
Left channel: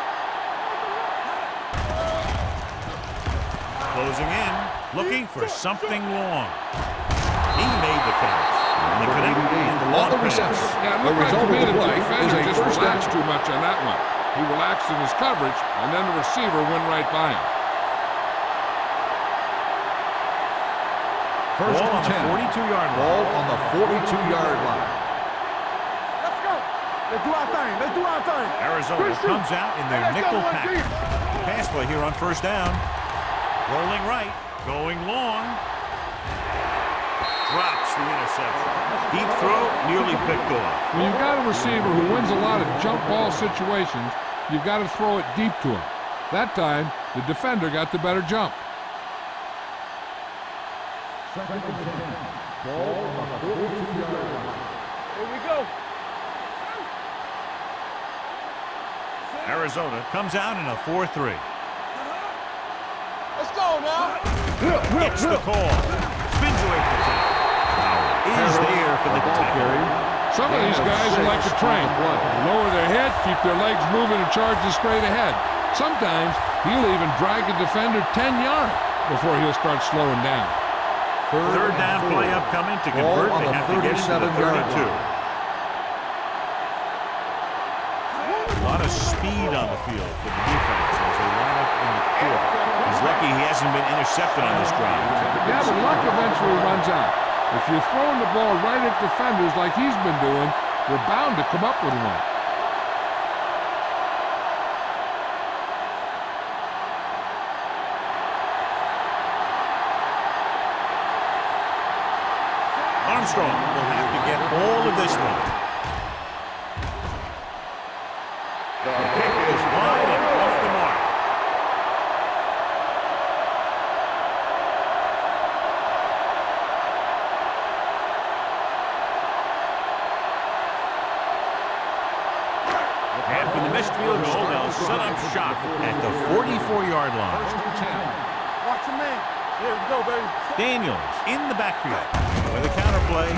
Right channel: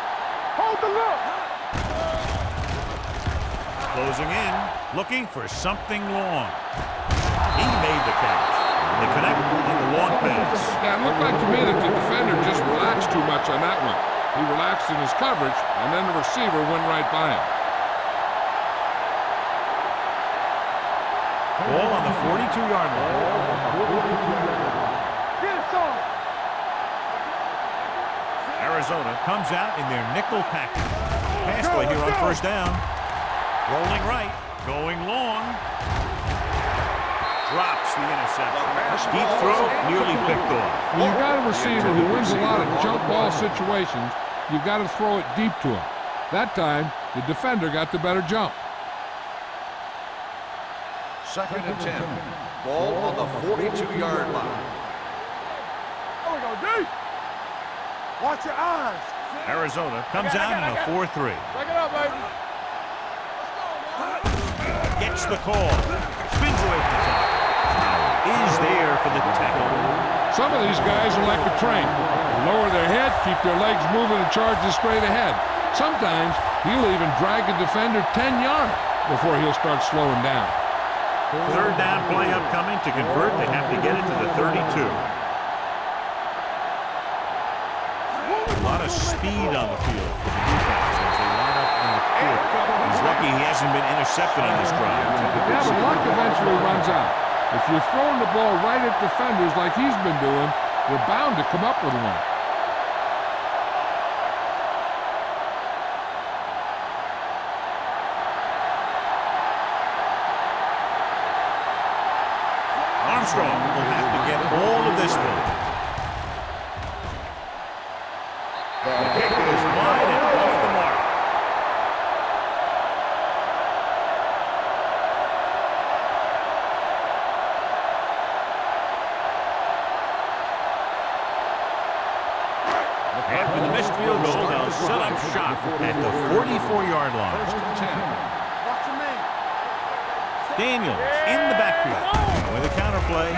Hold the look. Closing in, looking for something long. He made the catch. They connect on the long pass. Yeah, it looked like to me that the defender just relaxed too much on that one. He relaxed in his coverage, and then the receiver went right by him. Ball on the 42-yard line. Ball on the 42-yard line. Get it, son. Let's go. Let's do our thing. Let's do our thing. Arizona comes out in their nickel package. Pass play here on 1st down. Rolling right, going long. Drops the interception. Deep throw, nearly picked off. When you've got a receiver who wins a lot of jump ball situations, you've got to throw it deep to him. That time, the defender got the better jump. 2nd and 10. Ball on the 42-yard line. Here we go. Come on, D. Watch your eyes. Arizona comes out in a 4-3. Back it up, baby. Let's go now. Gets the call. Spins away from the tackle. Howard is there for the tackle. Some of these guys are like a train. They lower their head, keep their legs moving, and charge it straight ahead. Sometimes he'll even drag a defender 10 yards before he'll start slowing down. 3rd down play upcoming. To convert, they have to get into the 32. A lot of speed on the field for the defense as they line up in the court. He's lucky he hasn't been intercepted on this drive. Yeah, but luck eventually runs out. If you're throwing the ball right at defenders like he's been doing, they're bound to come up with one. Armstrong will have to get all of this one. The kick is wide and off the mark. After the missed field goal, they'll set up shop at the 44-yard line. 1st and 10. Watch your man. Here we go, baby. Daniels in the backfield. With a counter play.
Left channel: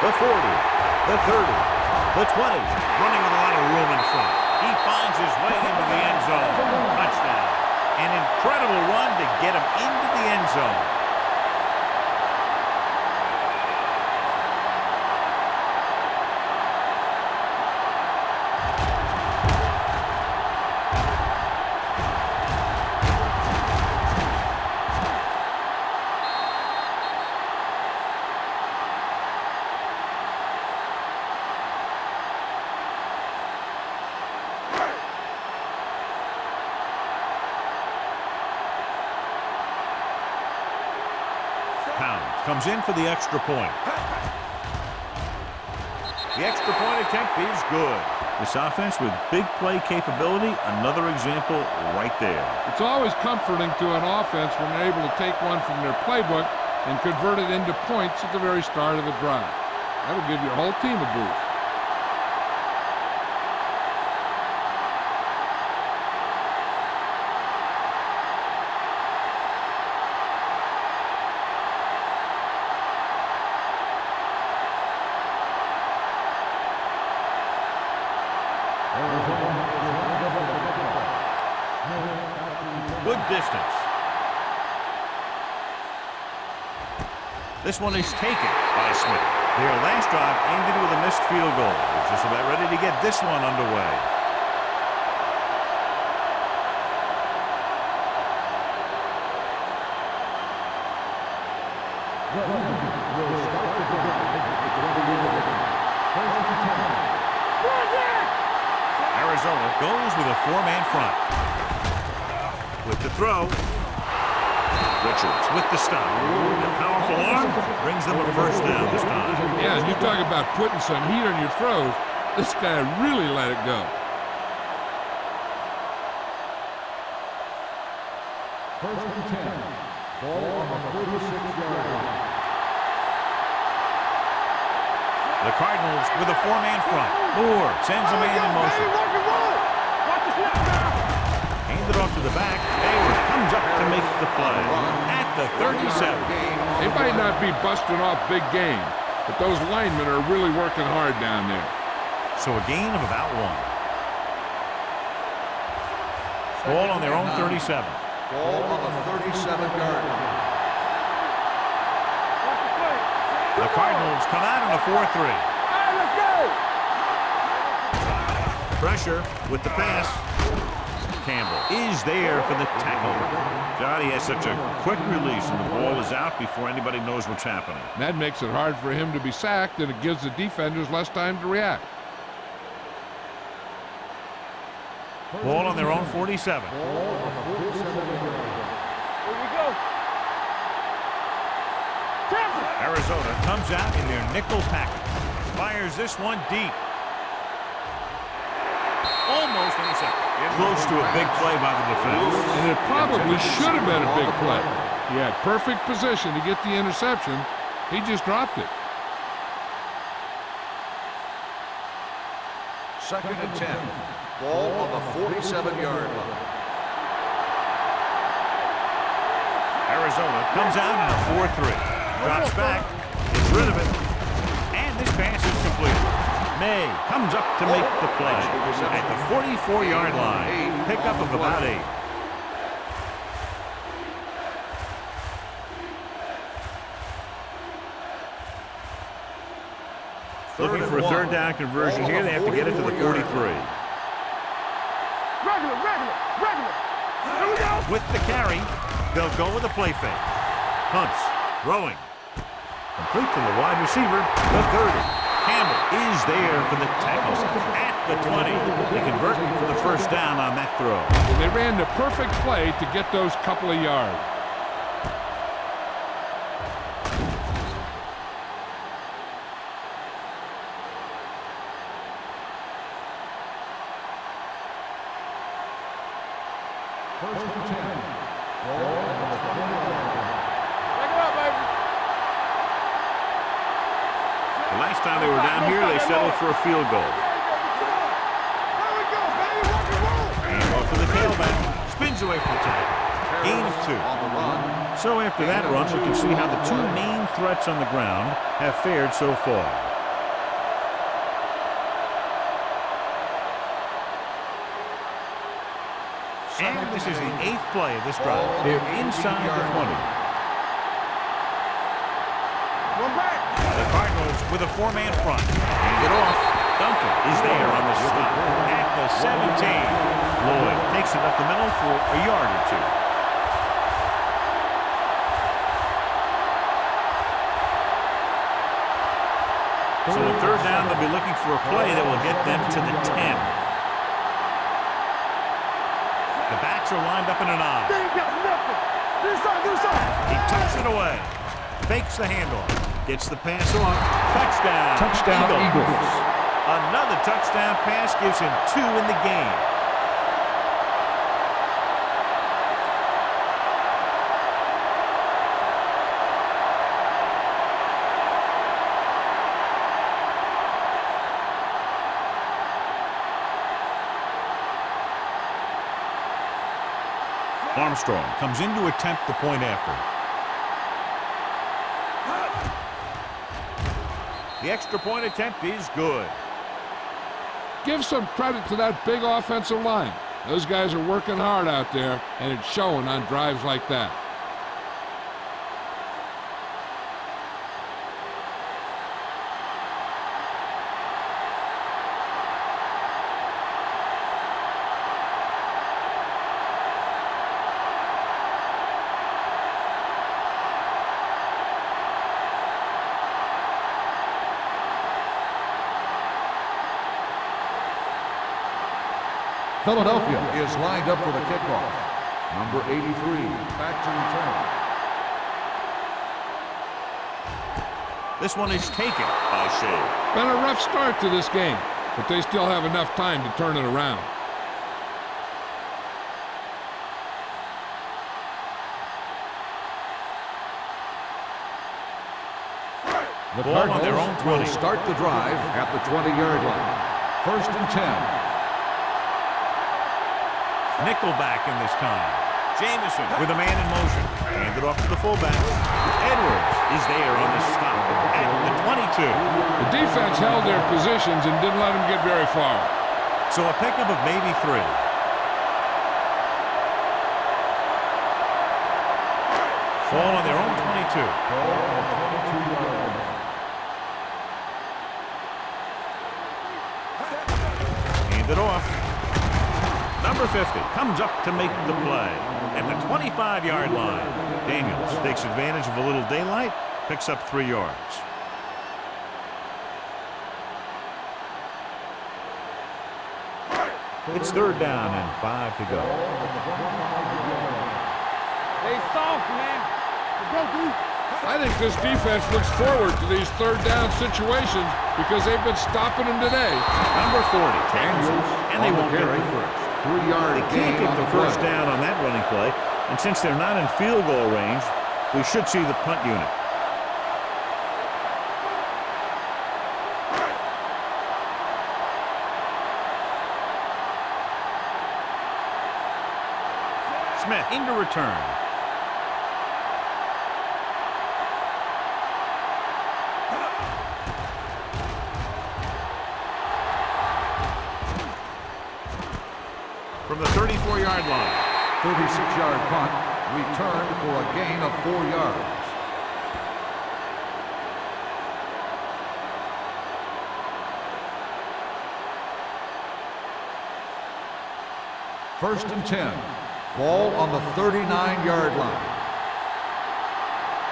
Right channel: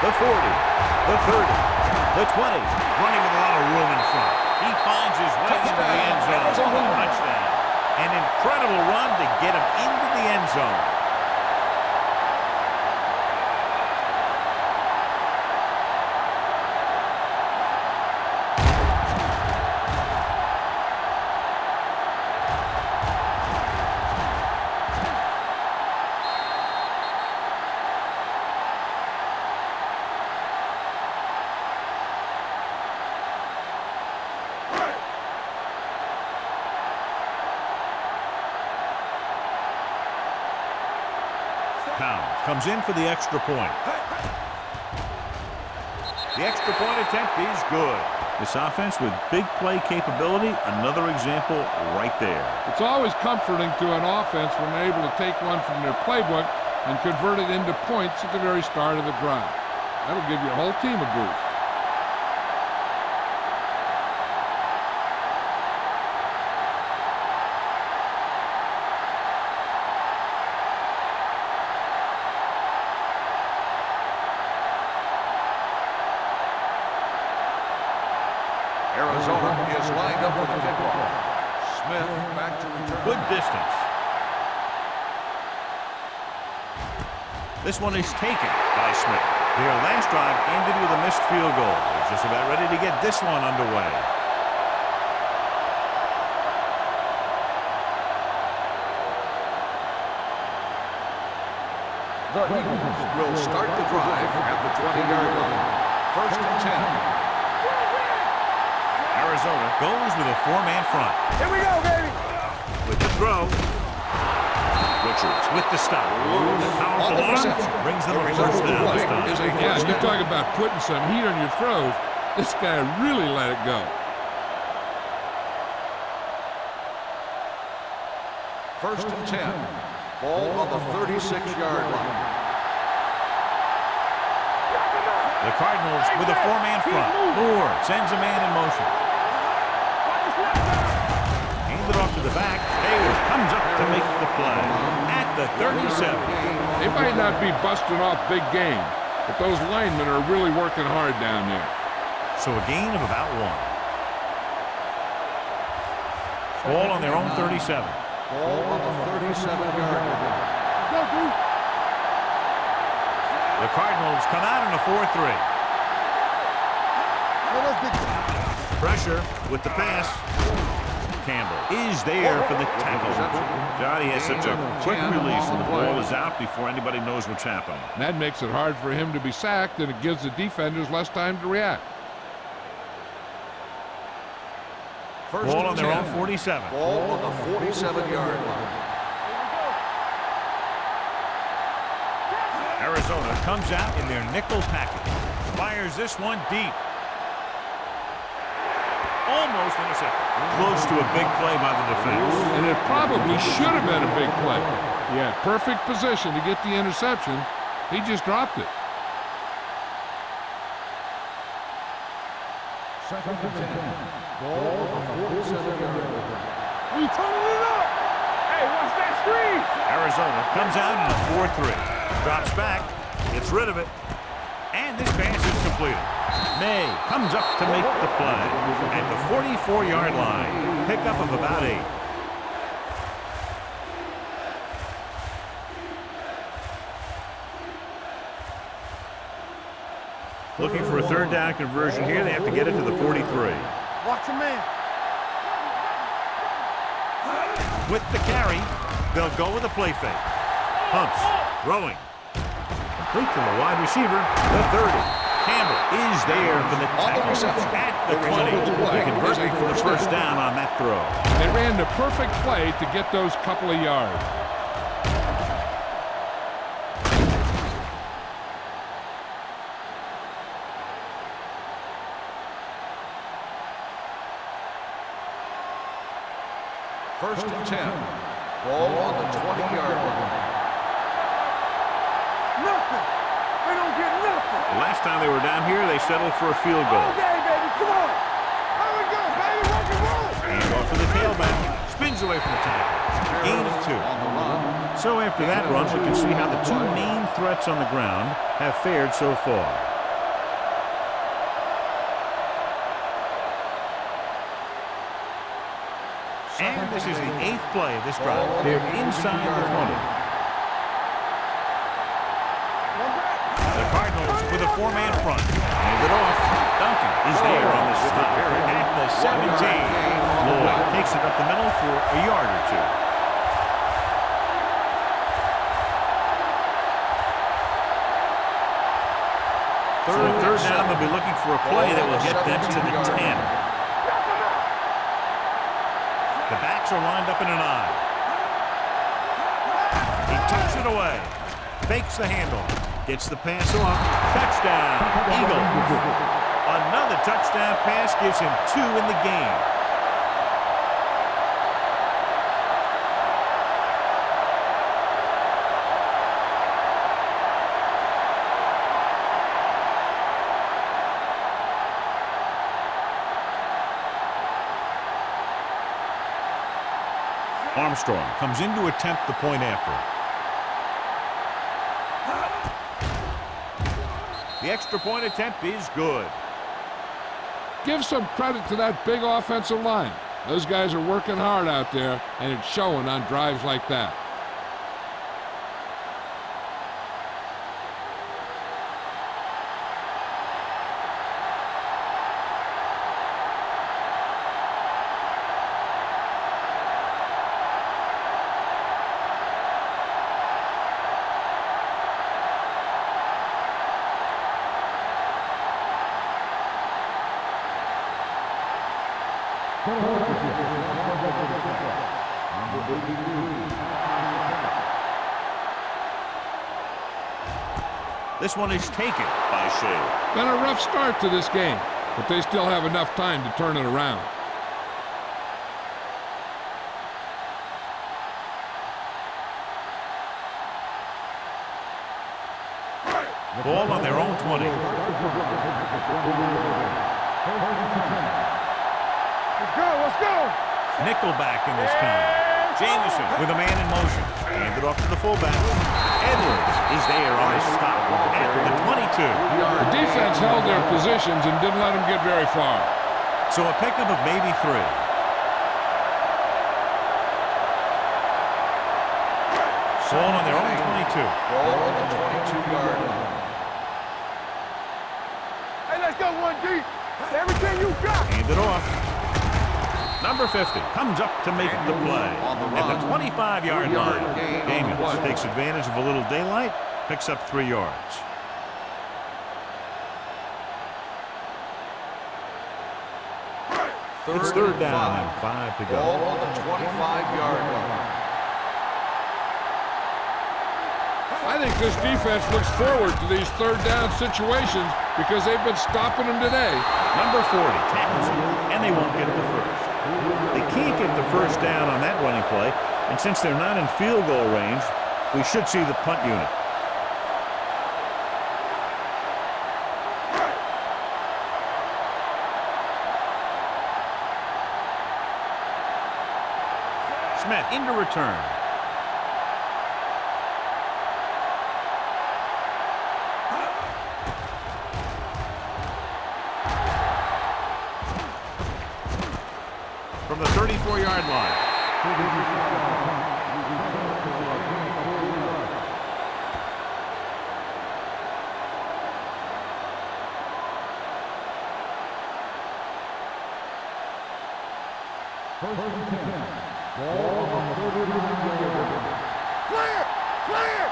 The 40, the 30, the 20. Running with a lot of room in front. He finds his way into the end zone. Touchdown. An incredible run to get him into the end zone. Pounds comes in for the extra point. The extra point attempt is good. This offense with big play capability, another example right there. It's always comforting to an offense when they're able to take one from their playbook and convert it into points at the very start of the drive. That'll give your whole team a boost. Arizona is lined up for the kickoff. Smith back to return. Good distance. This one is taken by Smith. Their last drive ended with a missed field goal. They're just about ready to get this one underway. The Eagles will start the drive at the 20-yard line. First and 10. Arizona goes with a four-man front. Here we go, baby. With the throw. Richards with the stop. The powerful arm brings them a first down this time. Yeah, and you talk about putting some heat on your throws. This guy really let it go. First and 10. Ball on the 36-yard line. The Cardinals with a four-man front. Moore sends a man in motion. Watch the snap down. Hand it off to the back. Hayward comes up to make the play at the 37. They might not be busting off big games, but those linemen are really working hard down there. So a gain of about one. Ball on their own 37. Ball on the 37-yard line. The Cardinals come out in a 4-3. Pressure with the pass. Campbell is there for the tackle. Johnny has such a quick release, and the ball is out before anybody knows what's happening. That makes it hard for him to be sacked, and it gives the defenders less time to react. Ball on their own 47. Ball on the 47-yard line. Here we go. Arizona comes out in their nickel package. Fires this one deep. Almost intercepted. Close to a big play by the defense. And it probably should have been a big play. He had perfect position to get the interception. He just dropped it. Second and 10. Ball on the 47-yard line. You turning it up. Hey, watch that screen. Arizona comes out in a 4-3. Drops back, gets rid of it, and this pass is completed. May comes up to make the play at the 44-yard line. Pickup of about 8. Looking for a third down conversion here. They have to get it to the 43. Watch your man. Regular. With the carry, they'll go with a play fake. Hunts, throwing. Complete to the wide receiver, the 30. Campbell is there for the tackle at the 20. They convert for the first down on that throw. And they ran the perfect play to get those couple of yards. First and 10. Ball on the 20-yard line. Back it up, baby. Nothing. They don't get nothing. The last time they were down here, they settled for a field goal. Okay, baby. Come on. There we go, baby. Rock and roll. And off to the tailback. Spins runs away from the tackle. Gain of 2. On the run. So after that run, we can see how the two main threats on the ground have fared so far. And this is the 8th play of this drive. They're inside the 20. One back. The Cardinals with a 4-man front. Hand it off. Duncan is there on the stop at the 17. Lloyd takes it up the middle for a yard or 2. So on 3rd down, they'll be looking for a play that will get them to the 10. The backs are lined up in an I. He tucks it away. Fakes the handoff. Gets the pass off. Touchdown. Eagles. Another touchdown pass gives him 2 in the game. Armstrong comes in to attempt the point after. The extra point attempt is good. Give some credit to that big offensive line. Those guys are working hard out there, and it's showing on drives like that. Philadelphia is lined up for the kickoff. Number 83, back to return. This one is taken by Shea. Been a rough start to this game, but they still have enough time to turn it around. The Ball on their own 20. Start the drive at the 20-yard line. 1st and 10. Let's go. Nickelback in this time. Jameson with a man in motion. Handed off to the fullback. Edwards is there on the stop at the 22. The defense held their positions and didn't let them get very far. So a pickup of maybe 3. Ball on their own 22. Ball on the 22-yard line. Hey, let's go 1 deep. Everything you got. Hand it off. Number 50 comes up to make the play at the 25-yard line. Daniels takes advantage of a little daylight, picks up 3 yards. It's 3rd down and 5 to go. Ball on the 25-yard line. Hey, soft, man. Let's go deep. I think this defense looks forward to these 3rd down situations because they've been stopping them today. Number 40 tackles him, and they won't get the first. They can't get the first down on that running play, and since they're not in field goal range, we should see the punt unit. Smith into return. From the 34-yard line. 36-yard punt, returned for a gain of 4 yards. First and 10. Ball on the 39-yard line. Clear.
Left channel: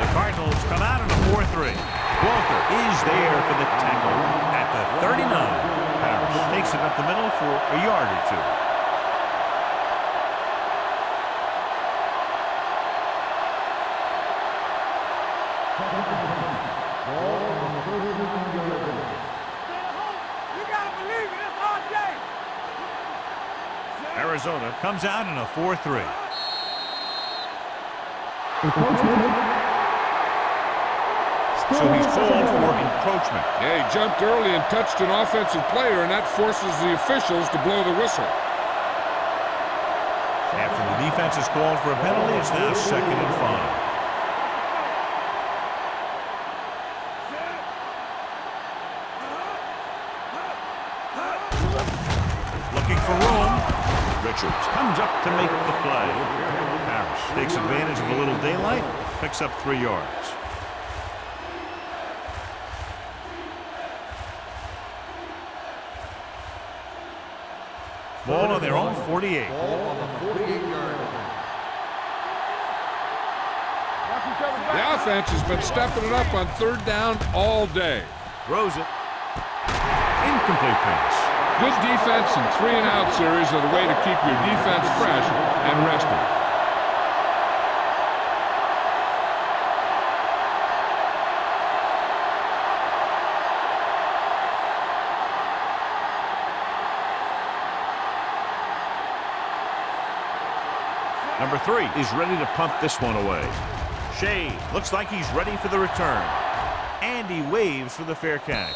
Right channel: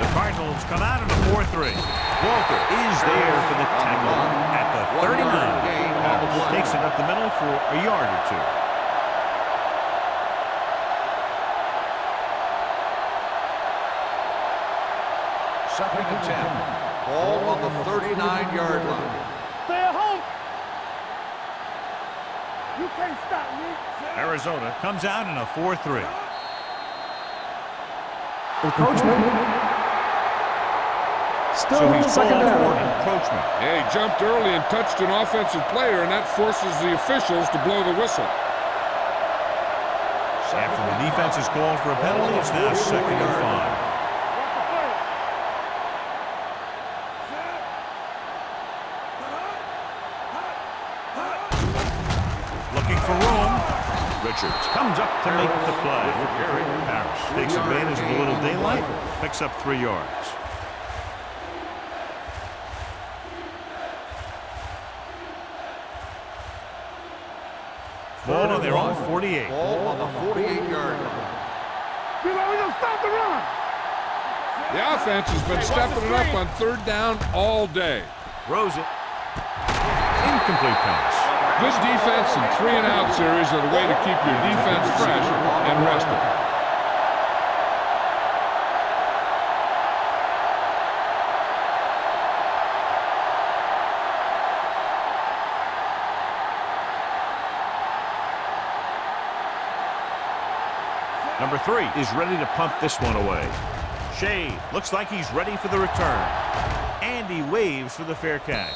The Cardinals come out in a 4-3. Walter is there for the tackle at the 39. Harris takes it up the middle for a yard or 2. Second and 10. Ball on the 39-yard line. Stay at home. You gotta believe it. It's our game. You can't stop me. Arizona comes out in a 4-3. So he's called for encroachment. Yeah, he jumped early and touched an offensive player, and that forces the officials to blow the whistle. After the defense is called for a penalty, it's now 2nd and 5. Watch the play. Set. Looking for room. Richards comes up to make the play. Harris takes advantage of a little daylight, picks up 3 yards. Ball on their own 48. Ball on the 48-yard line. We don't stop the run. Watch each other. The offense has been stepping it up on 3rd down all day. Throws it. Incomplete pass. Good defense and 3-and-out series are the way to keep your defense fresh and rested. Number 3 is ready to punt this one away. Shea looks like he's ready for the return. And he waves for the fair catch.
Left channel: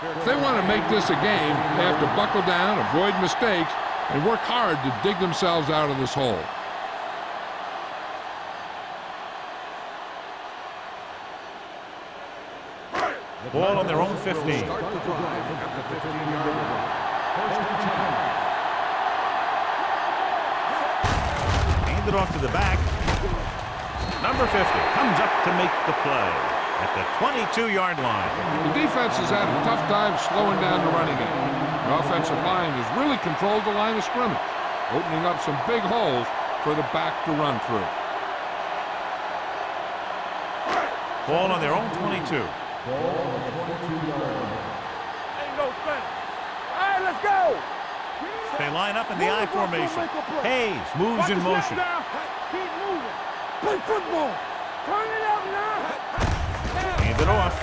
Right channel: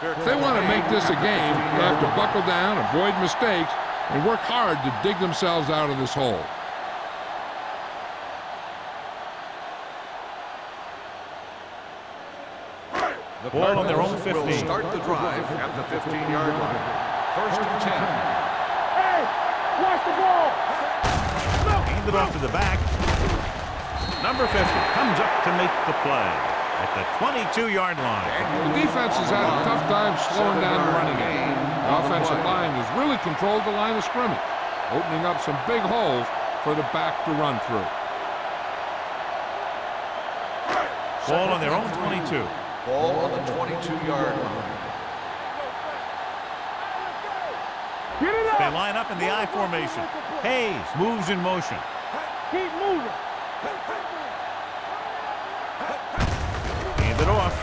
If they want to make this a game, they have to buckle down, avoid mistakes, and work hard to dig themselves out of this hole. The Ball on their own Cardinals 15. will start the drive at the 15-yard line. 1st and 10. Hand it off to the back. Number 50 comes up to make the play at the 22-yard line. The defense has had a tough time slowing down the running game. The offensive line has really controlled the line of scrimmage, opening up some big holes for the back to run through. Ball on their own 22. Ball on the 22-yard line. Ain't no fence. Hey, let's go. Get it up. They line up in the I formation. Hayes moves in motion. Keep moving. Play football. Turn it up now. Hand it off.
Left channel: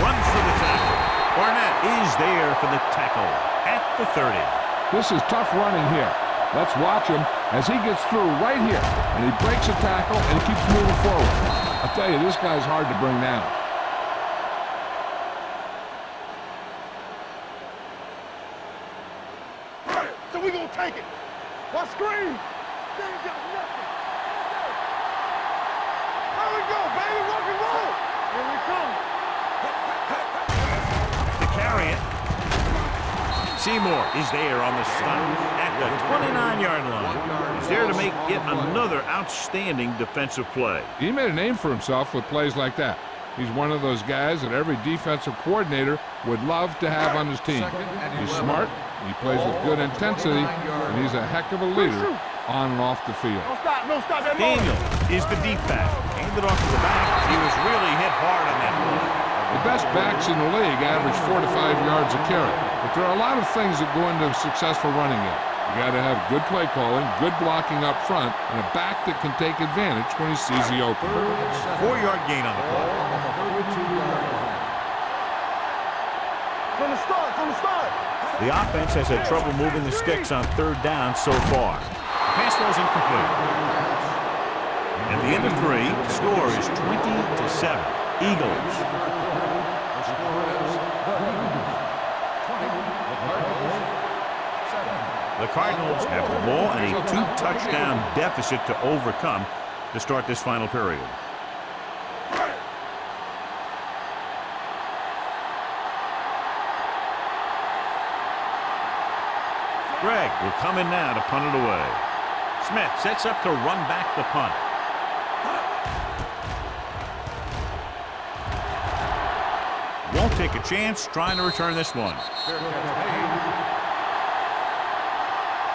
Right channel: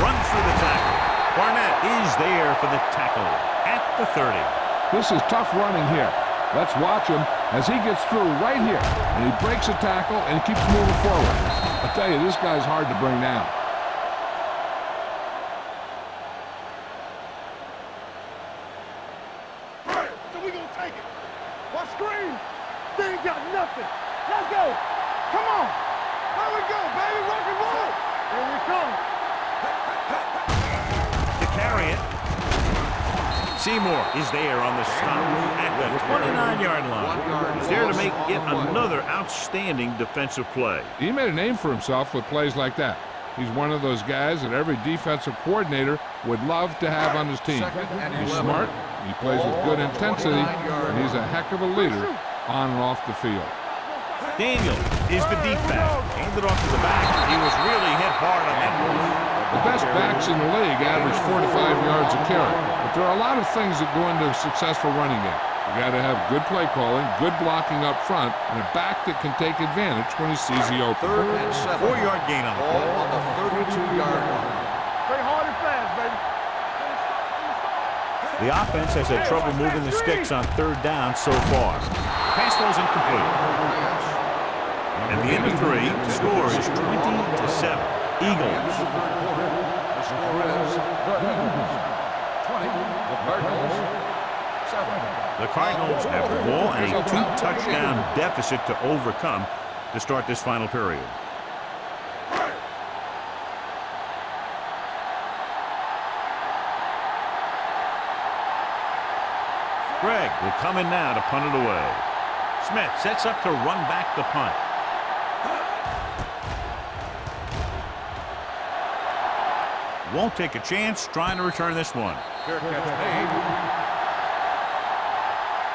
Runs through the tackle. Barnett is there for the tackle at the 30. This is tough running here. Let's watch him as he gets through right here, and he breaks a tackle and keeps moving forward. I'll tell you, this guy's hard to bring down. So we gonna take it. Watch screen. They ain't got nothing. Let's go. Come on. There we go, baby. Rock and roll. Here we come. To carry it. Seymour is there on the stop at the 29-yard line. He's there to make yet another outstanding defensive play. He made a name for himself with plays like that. He's one of those guys that every defensive coordinator would love to have on his team. He's smart, he plays with good intensity, and he's a heck of a leader on and off the field. Daniel is the deep back. Handed off to the back. He was really hit hard on that play. The best backs in the league average 4 to 5 yards a carry, but there are a lot of things that go into a successful running game. You got to have good play calling, good blocking up front, and a back that can take advantage when he sees the open. 3rd and 7. 4-yard gain on the Ball play. on the 32-yard line. Play hard and fast, baby. From the start. The offense has had trouble moving the sticks on 3rd down so far. The pass ball is incomplete. At the end of 3, the score is 20-7. Eagles. The 3rd quarter, the score is the Eagles 20, the Cardinals 7. The Cardinals have the ball and a 2-touchdown deficit to overcome to start this final period. Gregg will come in now to punt it away. Smith sets up to run back the punt. Won't take a chance trying to return this one. Fair catch made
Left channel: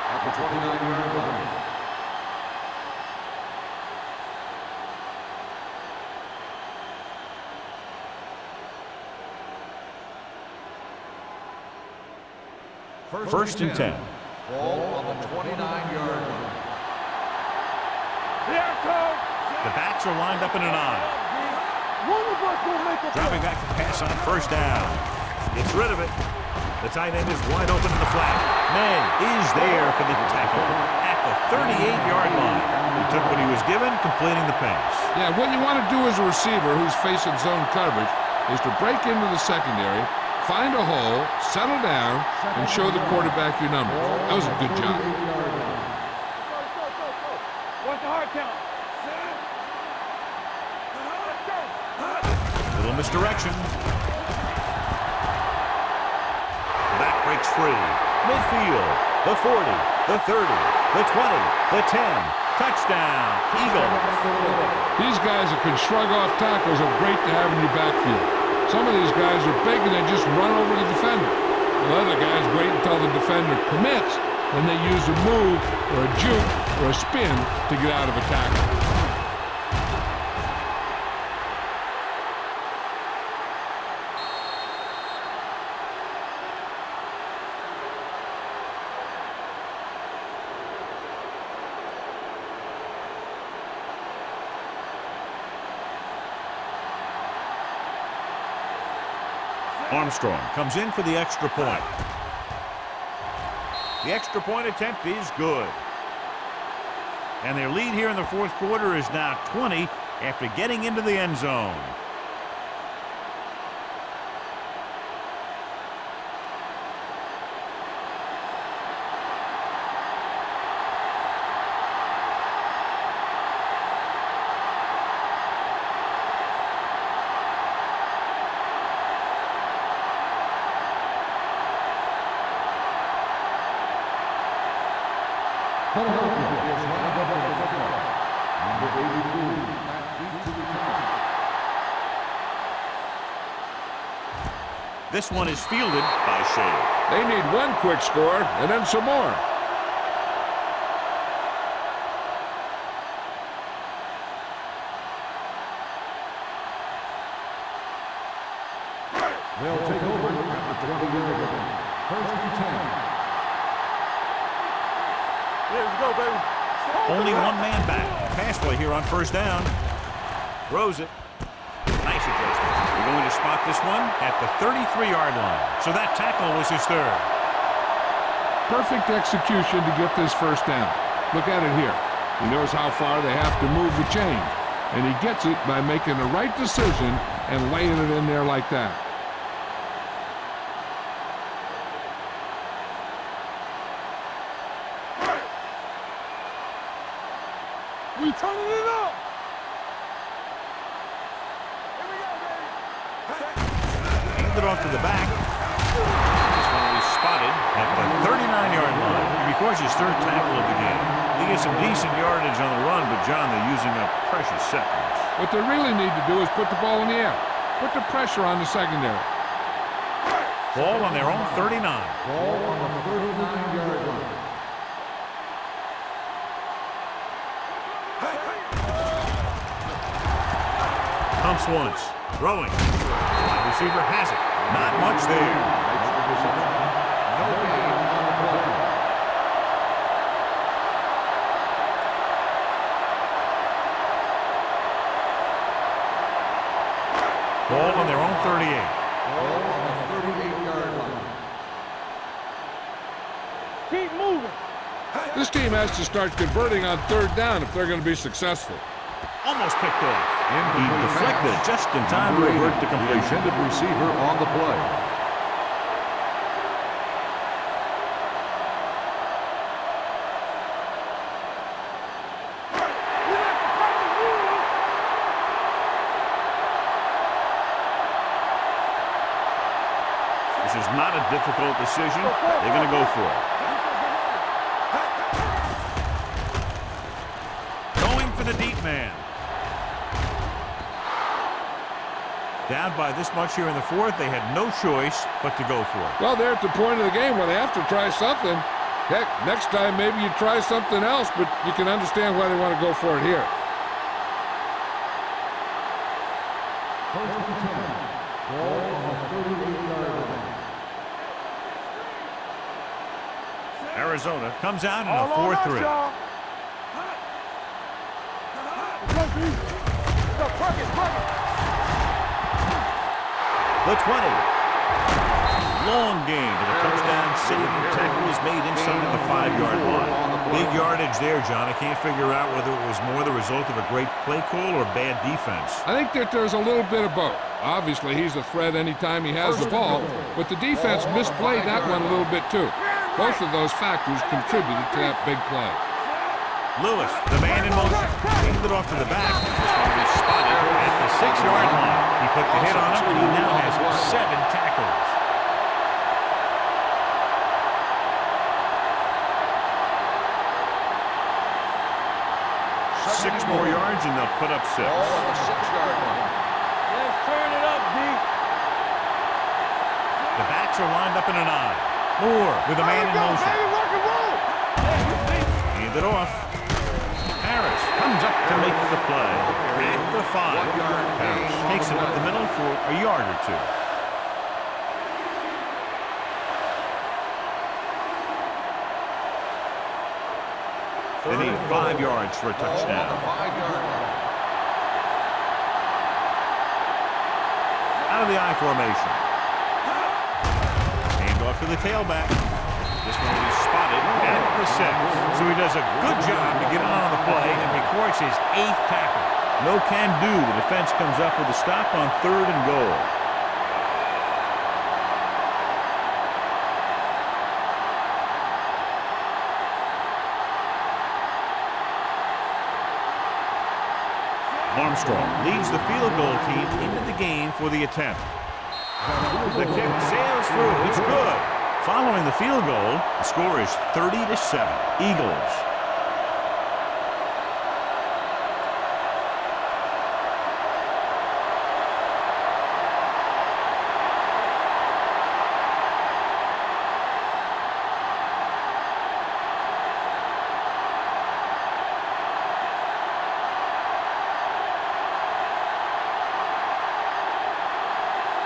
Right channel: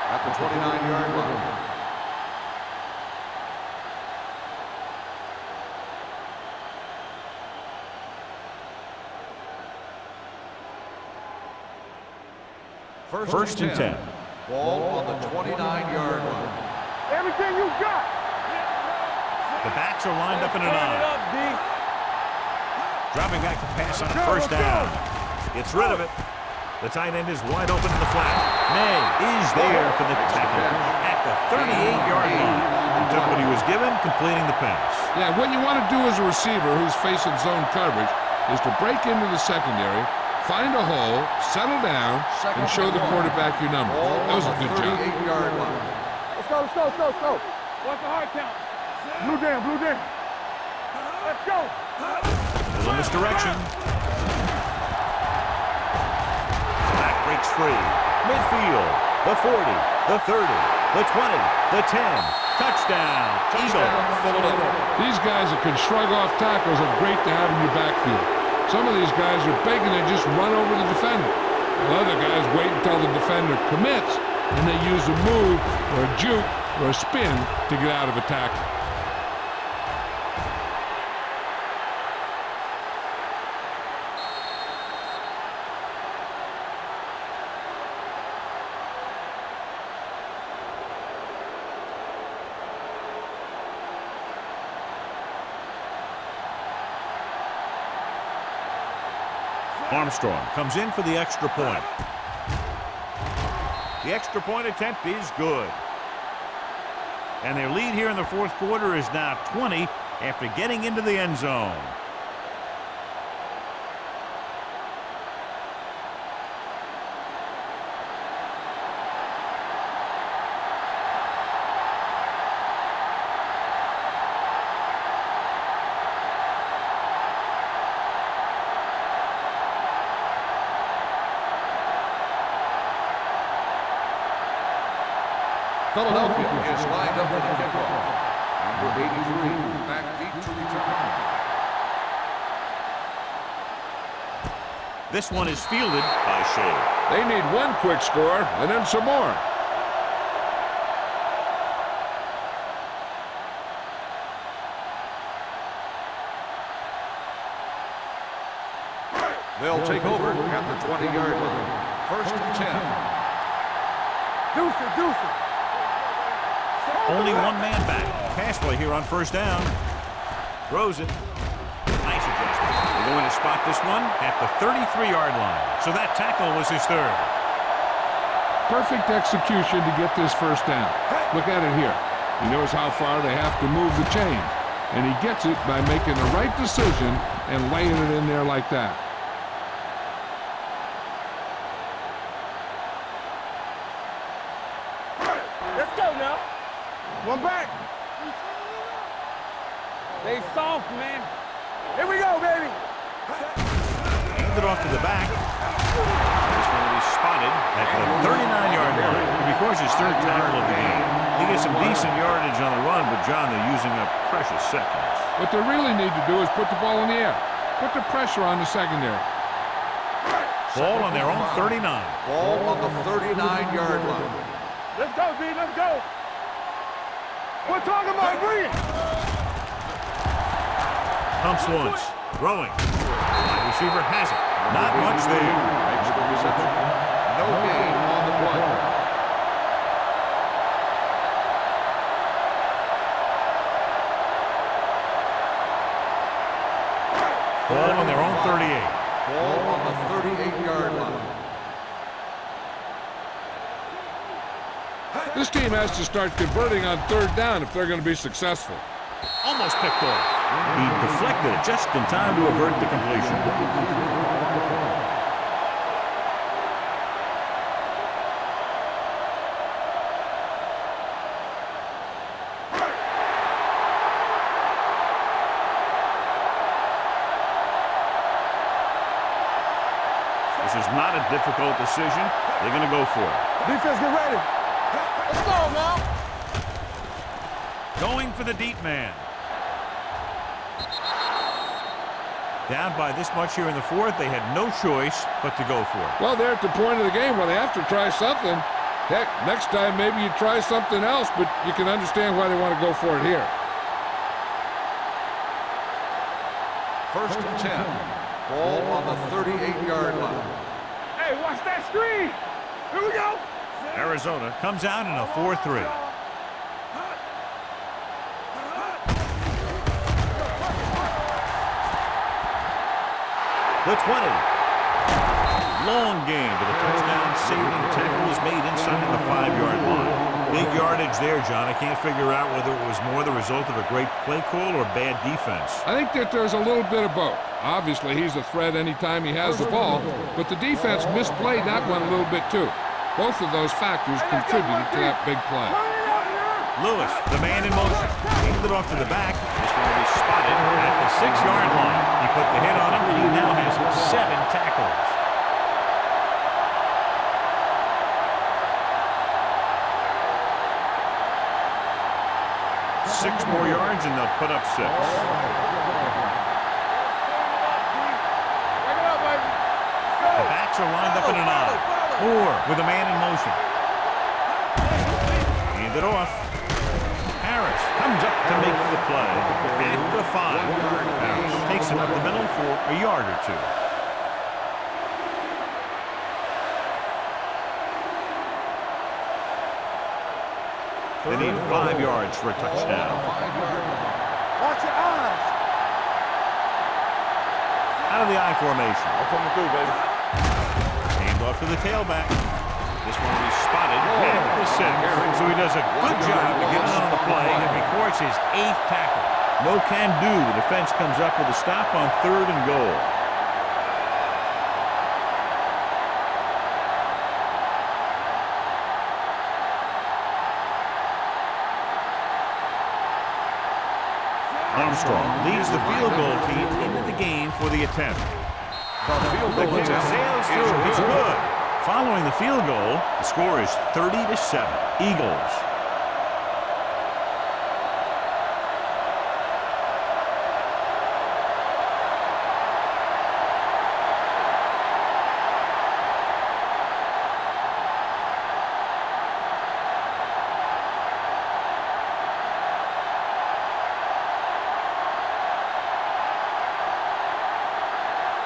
at the 29-yard line. First and 10. Ball on the 29-yard line. Everything you got. Here it comes. The backs are lined up in an I. Dropping back to pass on 1st down. Gets rid of it. The tight end is wide open in the flat. May is there for the tackle at the 38-yard line. He took what he was given, completing the pass. Yeah, what you want to do as a receiver who's facing zone coverage is to break into the secondary, find a hole, settle down, and show the quarterback your number. That was a good job. What's the hard count? Blue down, blue down. Let's go. Little misdirection. The back breaks free. Midfield. The 40, the 30, the 20, the 10. Touchdown, Eagles. These guys that can shrug off tackles are great to have in your backfield. Some of these guys are big and they just run over the defender. While other guys wait until the defender commits, and they use a move or a juke or a spin to get out of a tackle. Armstrong comes in for the extra point. The extra point attempt is good. And their lead here in the fourth quarter is now 20 after getting into the end zone. Philadelphia is lined up for the kickoff. Number 83, back deep to return. This one is fielded by Shea. They need one quick score and then some more. They'll take over at the 20-yard line. First and 10. Deuce it, deuce it. Let's go, baby. Only one man back. Pass play here on first down. Throws it. Nice adjustment. They're going to spot this one at the 33-yard line. So that tackle was his third. Perfect execution to get this first down. Look at it here. He knows how far they have to move the chains, and he gets it by making the right decision and laying it in there like that. Let's go now. One back. We turning it up. They soft, man. Here we go, baby. Hand it off to the back. This one will be spotted at the 39-yard line. He records his third tackle of the game. He gets some decent yardage on the run, but, John, they're using up precious seconds. What they really need to do is put the ball in the air. Put the pressure on the secondary. Ball on their own 39. Ball on the 39-yard line. Let's go, D. Let's go. We're talking about bring it. Pumps once. Throwing. Wide receiver has it. Not much there. Makes the reception. No gain on the play. Ball on their own 38. Ball on the 38-yard line. Keep moving. This team has to start converting on third down if they're going to be successful. Almost picked off. He deflected it just in time to avert the completion. Intended receiver on the play. This is not a difficult decision. They're going to go for it. Defense, get ready. Come on, now. Going for the deep man. Down by this much here in the fourth, they had no choice but to go for it. Well, they're at the point of the game where they have to try something. Heck, next time maybe you try something else, but you can understand why they want to go for it here. First and 10. Ball on the 38-yard line. Hey, watch that screen. Here we go. Arizona comes out in a 4-3. The 20. Long game, but a touchdown-saving tackle is made inside the 5-yard line. Big yardage there, John. I can't figure out whether it was more the result of a great play call or bad defense. I think that there's a little bit of both. Obviously, he's a threat anytime he has the ball, but the defense misplayed that one a little bit too. Both of those factors contributed to that big play. Lewis, the man in motion. Handed it off to the back. This one will be spotted at the 6-yard line. He put the hit on him, and he now has 7 tackles. Six more yards, and they'll put up 6. Let's turn it up, D. The backs are lined up in an I. Moore with a man in motion. Hand it off. Harris comes up to make the play at the 5. Harris takes it up the middle for a yard or 2. They need 5 yards for a touchdown. Out of the I formation. Hand off to the tailback. This one will be spotted at the 6. So he does a good job to get it on the play and records his 8th tackle. No can do. The defense comes up with a stop on 3rd and goal. Armstrong leads the field goal team into the game for the attempt. The kick sails through. It's good. Following the field goal, the score is 30-7. Eagles.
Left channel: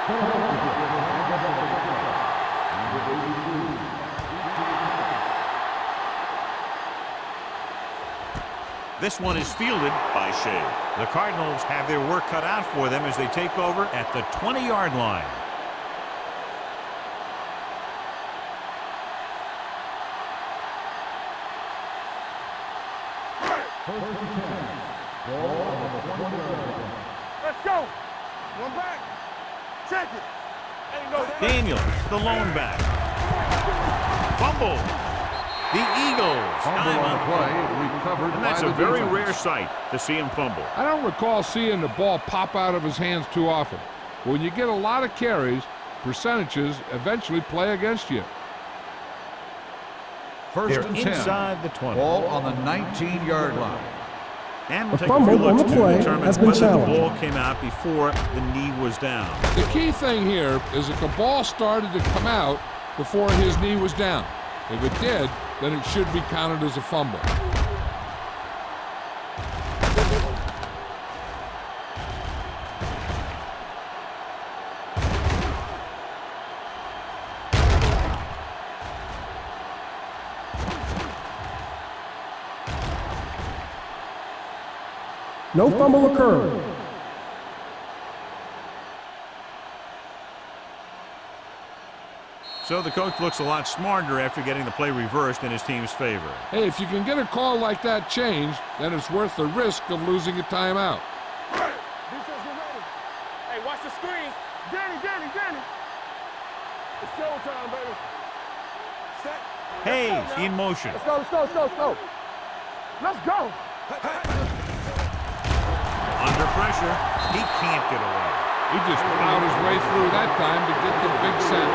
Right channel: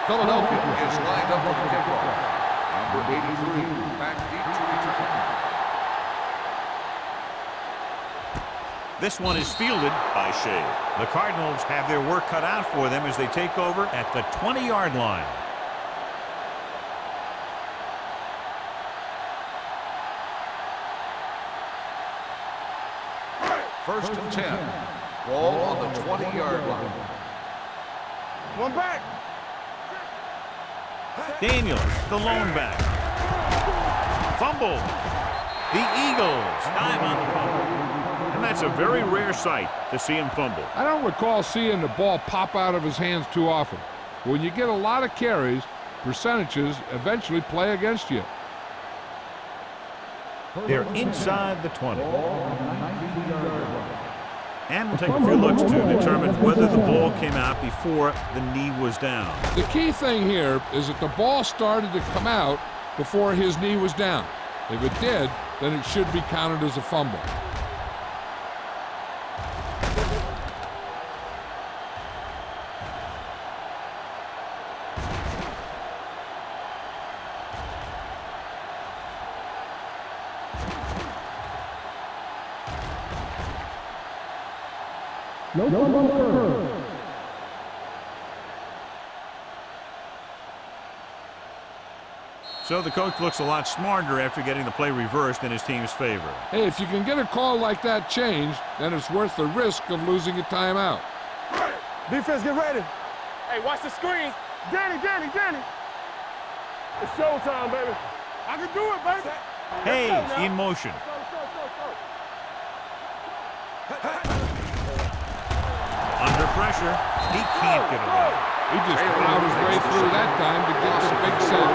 Philadelphia is lined up for the kickoff. Number 83, back deep to return. This one is fielded by Shea. The Cardinals have their work cut out for them as they take over at the 20-yard line. First and 10. Ball on the 20-yard line. Let's go. One back. Check it. Daniels, the lone back. Fumble. The Eagles dive on the play. And that's a very rare sight to see him fumble. I don't recall seeing the ball pop out of his hands too often. When you get a lot of carries, percentages eventually play against you. They're inside the 20. Ball on the 19-yard line. And we'll take a few looks to determine whether the ball came out before the knee was down. The key thing here is that the ball started to come out before his knee was down. If it did, then it should be counted as a fumble. No fumble occurred. So the coach looks a lot smarter after getting the play reversed in his team's favor. Hey, if you can get a call like that changed, then it's worth the risk of losing a timeout. Defense, get ready. Hey, watch the screen. Danny. It's showtime, baby. I can do it, baby. Set. Hayes in motion. Let's go. Let's go. Under pressure, he can't get away. He just plowed his way through that time to get the big sack.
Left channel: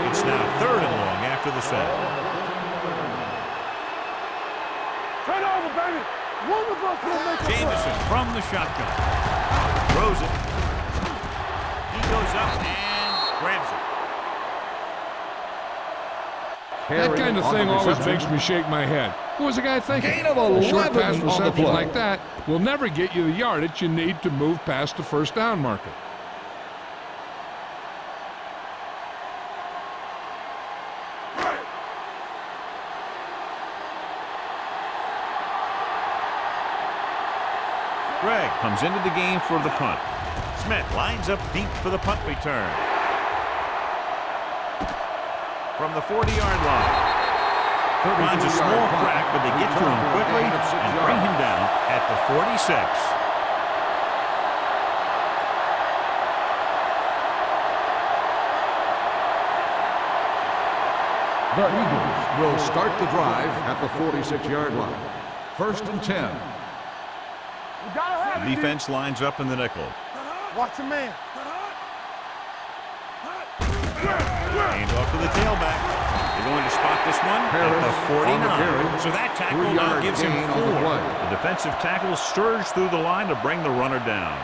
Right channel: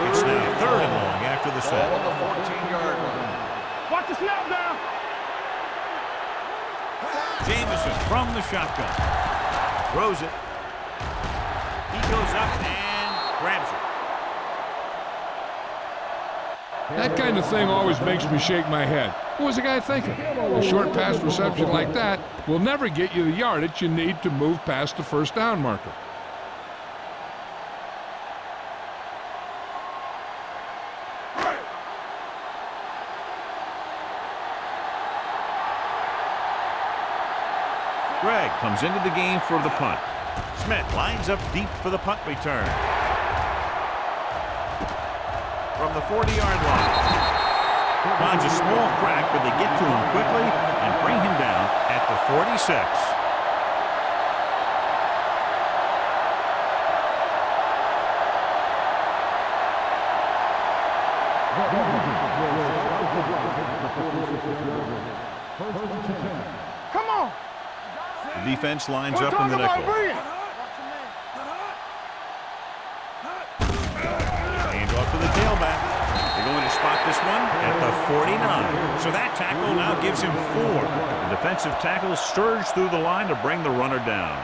It's now 3rd and long after the set. On the 14-yard line. Watch the snap now. Turn over, baby. Wonderful. Jamison from the shotgun. Throws it. He goes up and grabs it. That kind of thing always makes me shake my head. What was the guy thinking? A short pass reception like that will never get you the yardage you need to move past the first down marker. Gregg comes into the game for the punt. Smith lines up deep for the punt return. From the 40-yard line. Finds a small crack, but they get to him quickly and bring him down at the 46. The Eagles will start the drive at the 46-yard line. 1st and 10. Come on. You gotta have The defense lines up in the nickel. Watch your man. Hand off to the tailback. They're going to spot this one at the 49. So that tackle now gives him 4. The defensive tackle surged through the line to bring the runner down.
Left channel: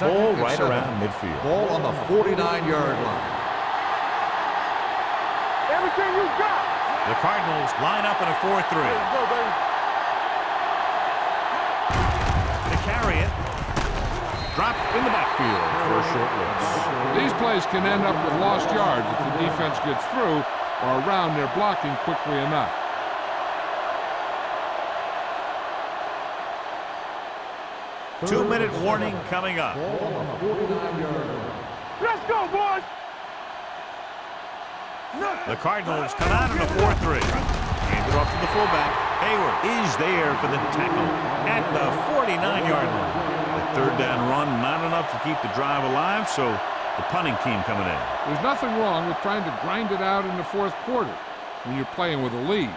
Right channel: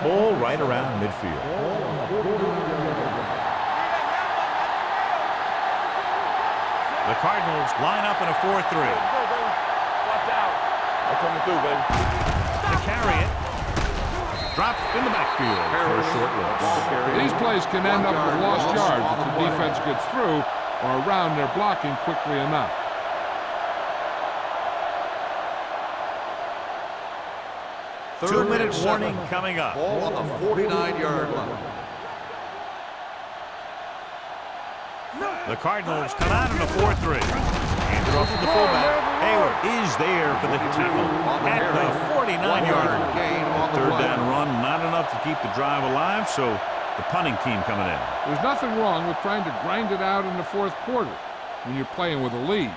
Ball right around midfield. Ball on the 49-yard line. Everything you got. The Cardinals line up in a 4-3. Let's go, baby. That's coming through, baby. To carry it. Dropped in the backfield for a short loss. These plays can end up with lost yards if the defense gets through or around their blocking quickly enough. Two-minute warning coming up. Ball on the 49-yard line. Let's go, boys. The Cardinals come out in a 4-3. Handed off to the fullback. Hayward is there for the tackle at the 49-yard line. The third down run, not enough to keep the drive alive, so the punting team coming in. There's nothing wrong with trying to grind it out in the fourth quarter when you're playing with a lead.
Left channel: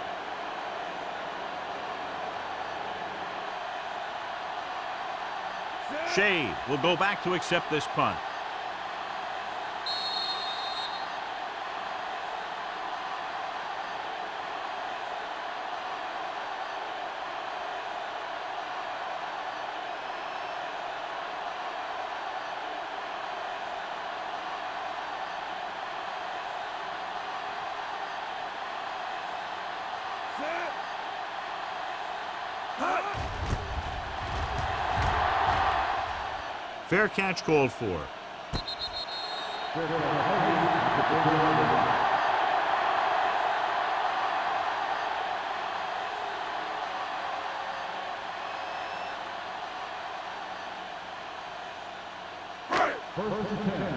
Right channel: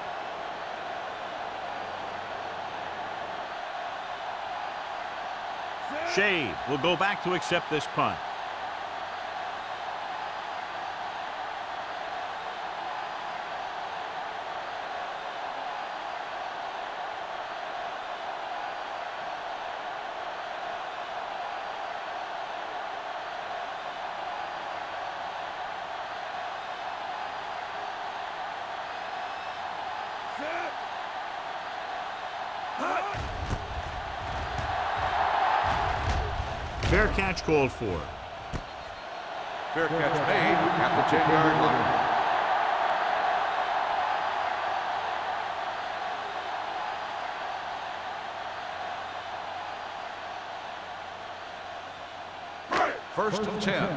Shade will go back to accept this punt. Fair catch called for. Fair catch made at the 10-yard line. First and 10.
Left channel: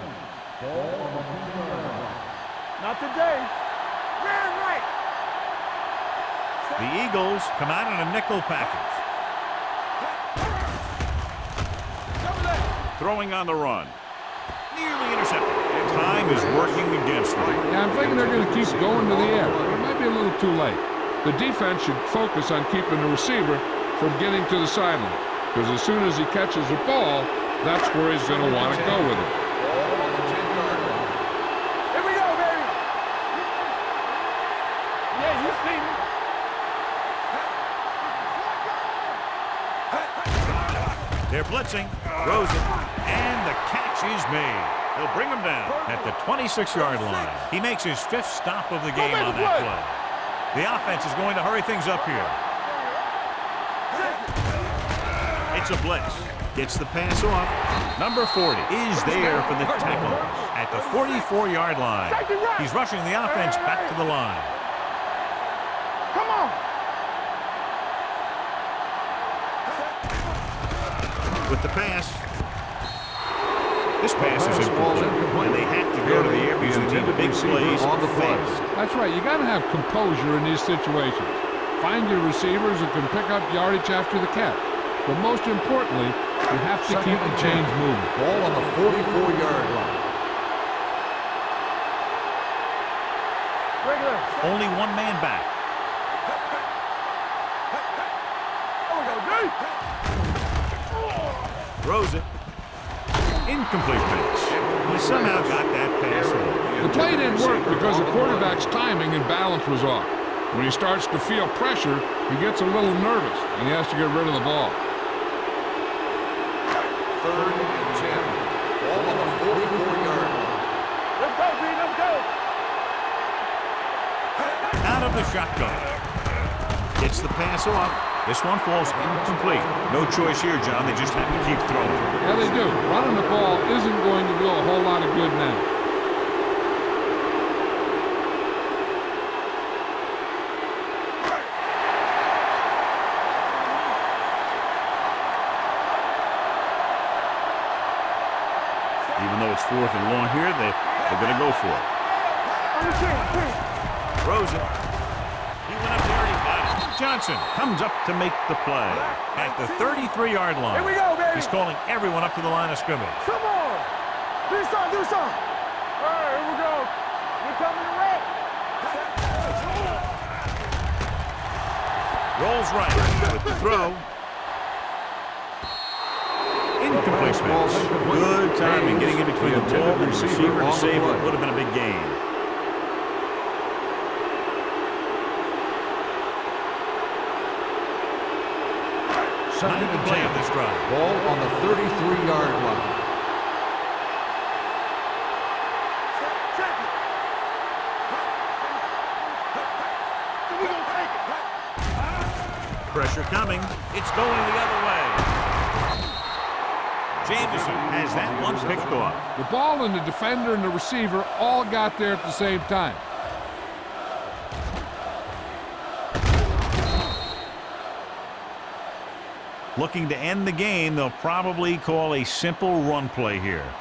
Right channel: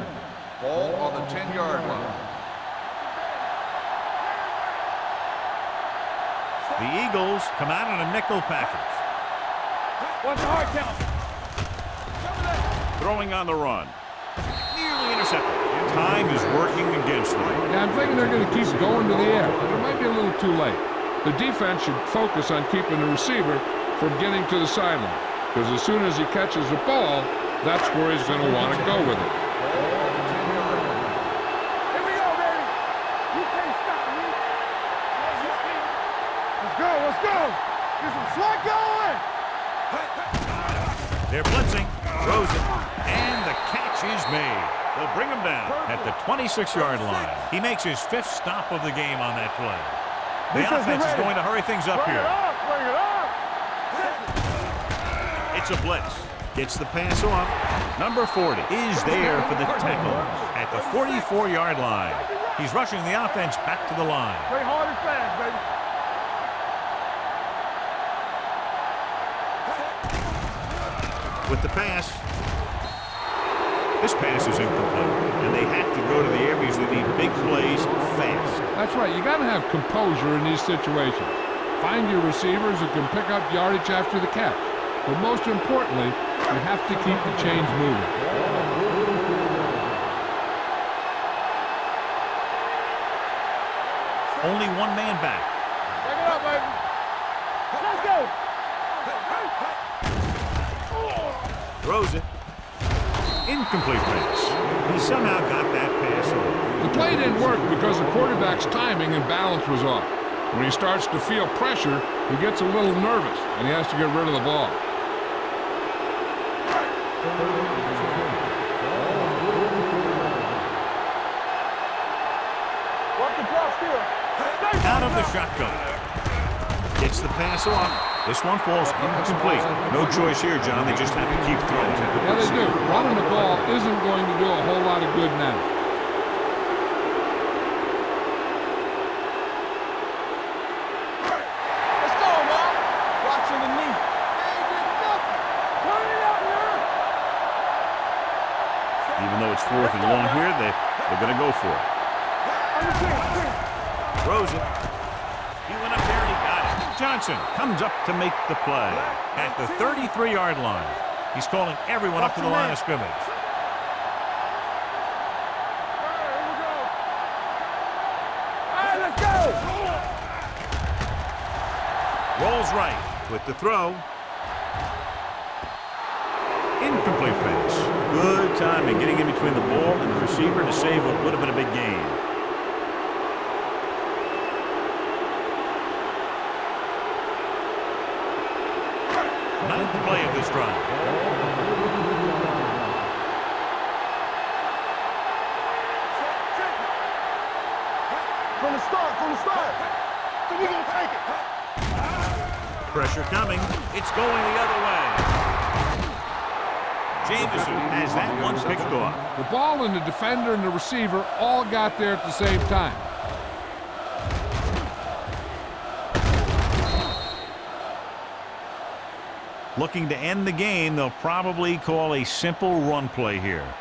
Ball on the 10-yard line. Not today. Man, right. The Eagles come out in a nickel package. Watch your heart count. Cover that. Throwing on the run. Nearly intercepted. And time is working against them. Yeah, I'm thinking they're going to keep going to the air, but it might be a little too late. The defense should focus on keeping the receiver from getting to the sideline, because as soon as he catches the ball, that's where he's going to want to go with it. Ball on the 10-yard line. Here we go, baby. You can't stop me. Yeah, you see me. Let's go, let's go. This is slot going. They're blitzing. Throws it. And the catch is made. They'll bring him down at the 26-yard line. He makes his 5th stop of the game on that play. The offense is going to hurry things up here. Bring it up. It's a blitz. Gets the pass off. Number 40 is there for the tackle at the 44-yard line. He's rushing the offense back to the line. Play hard and fast, baby. Come on. With the pass. This pass is incomplete, and they have to go to the air because they need big plays fast. That's right. You got to have composure in these situations. Find your receivers who can pick up yardage after the catch. But most importantly, you have to keep the chains moving. Ball on the 44-yard line. Only one man back. Bring it up, baby. Let's go. Throws it. Incomplete pass. He somehow got that pass off. The play didn't work because the quarterback's timing and balance was off. When he starts to feel pressure, he gets a little nervous, and he has to get rid of the ball. 3rd and 10. Ball on the 44-yard line. Let's go, D. Let's go. Work the block still. Out of the shotgun. Gets the pass off. This one falls incomplete. No choice here, John. They just have to keep throwing. Yeah, they do. Running the ball isn't going to do a whole lot of good now. Even though it's 4th and long here, they're going to go for it. Throws it. He went up there and he got it. Johnson comes up to make the play at the 33-yard line. He's calling everyone up to the line of scrimmage. Rolls right with the throw. Incomplete pass. Good timing getting in between the ball and the receiver to save what would have been a big gain. Ninth play of this drive. Ball on the 33-yard line. Check it. From the start. So we're going to take it. Pressure coming. It's going the other way. Jameson has that one picked off. The ball and the defender and the receiver all got there at the same time. Looking to end the game, they'll probably call a simple run play here.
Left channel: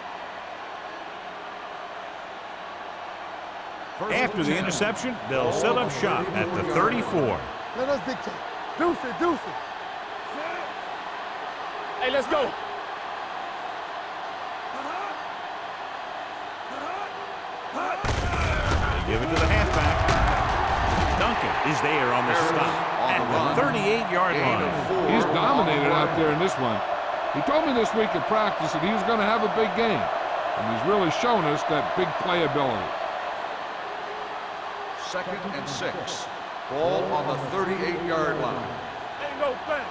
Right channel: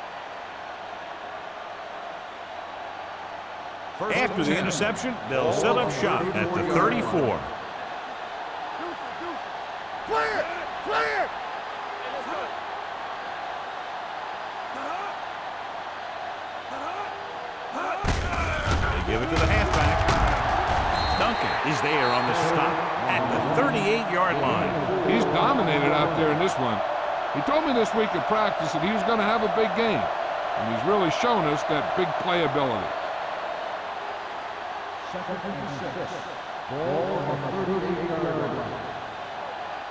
After the interception, they'll set up shop at the 34. Let us dictate. Deuce it. Play it. Hey, let's go. They give it to the halfback. Duncan is there on the stop at the 38-yard line. He's dominated out there in this one. He told me this week at practice that he was going to have a big game, and he's really shown us that big playability. 2nd and 6. Ball on the 38-yard line. Ain't no thing.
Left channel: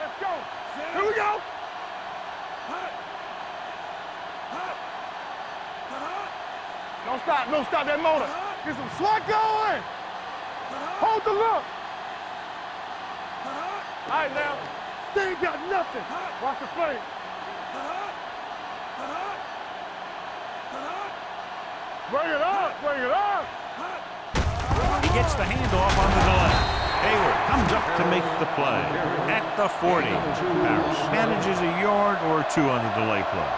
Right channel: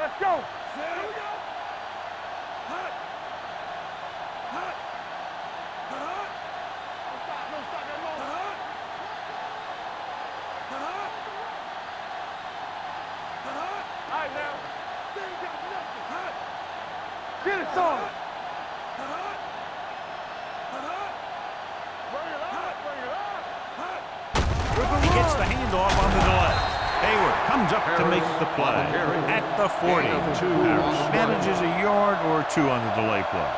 Let's go. Here we go. Hut. Don't stop that motor. Get some swat going. Hold the look. All right, now. They ain't got nothing. Watch the play. Get it started. Bring it up. He gets the handoff on the delay. Hayward comes up to make the play at the 40. Harris manages a yard or two on the delay play.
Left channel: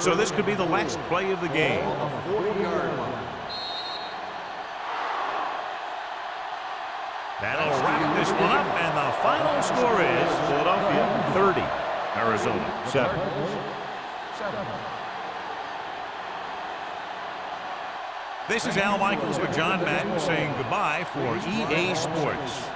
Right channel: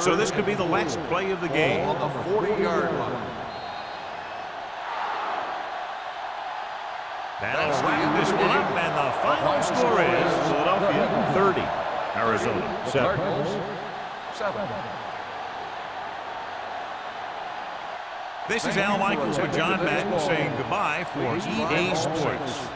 So this could be the last play of the game. On the 40-yard line. That'll wrap this one up, and the final score is Philadelphia 30, Arizona 7. 7. This is Al Michaels with John Madden saying goodbye for EA Sports.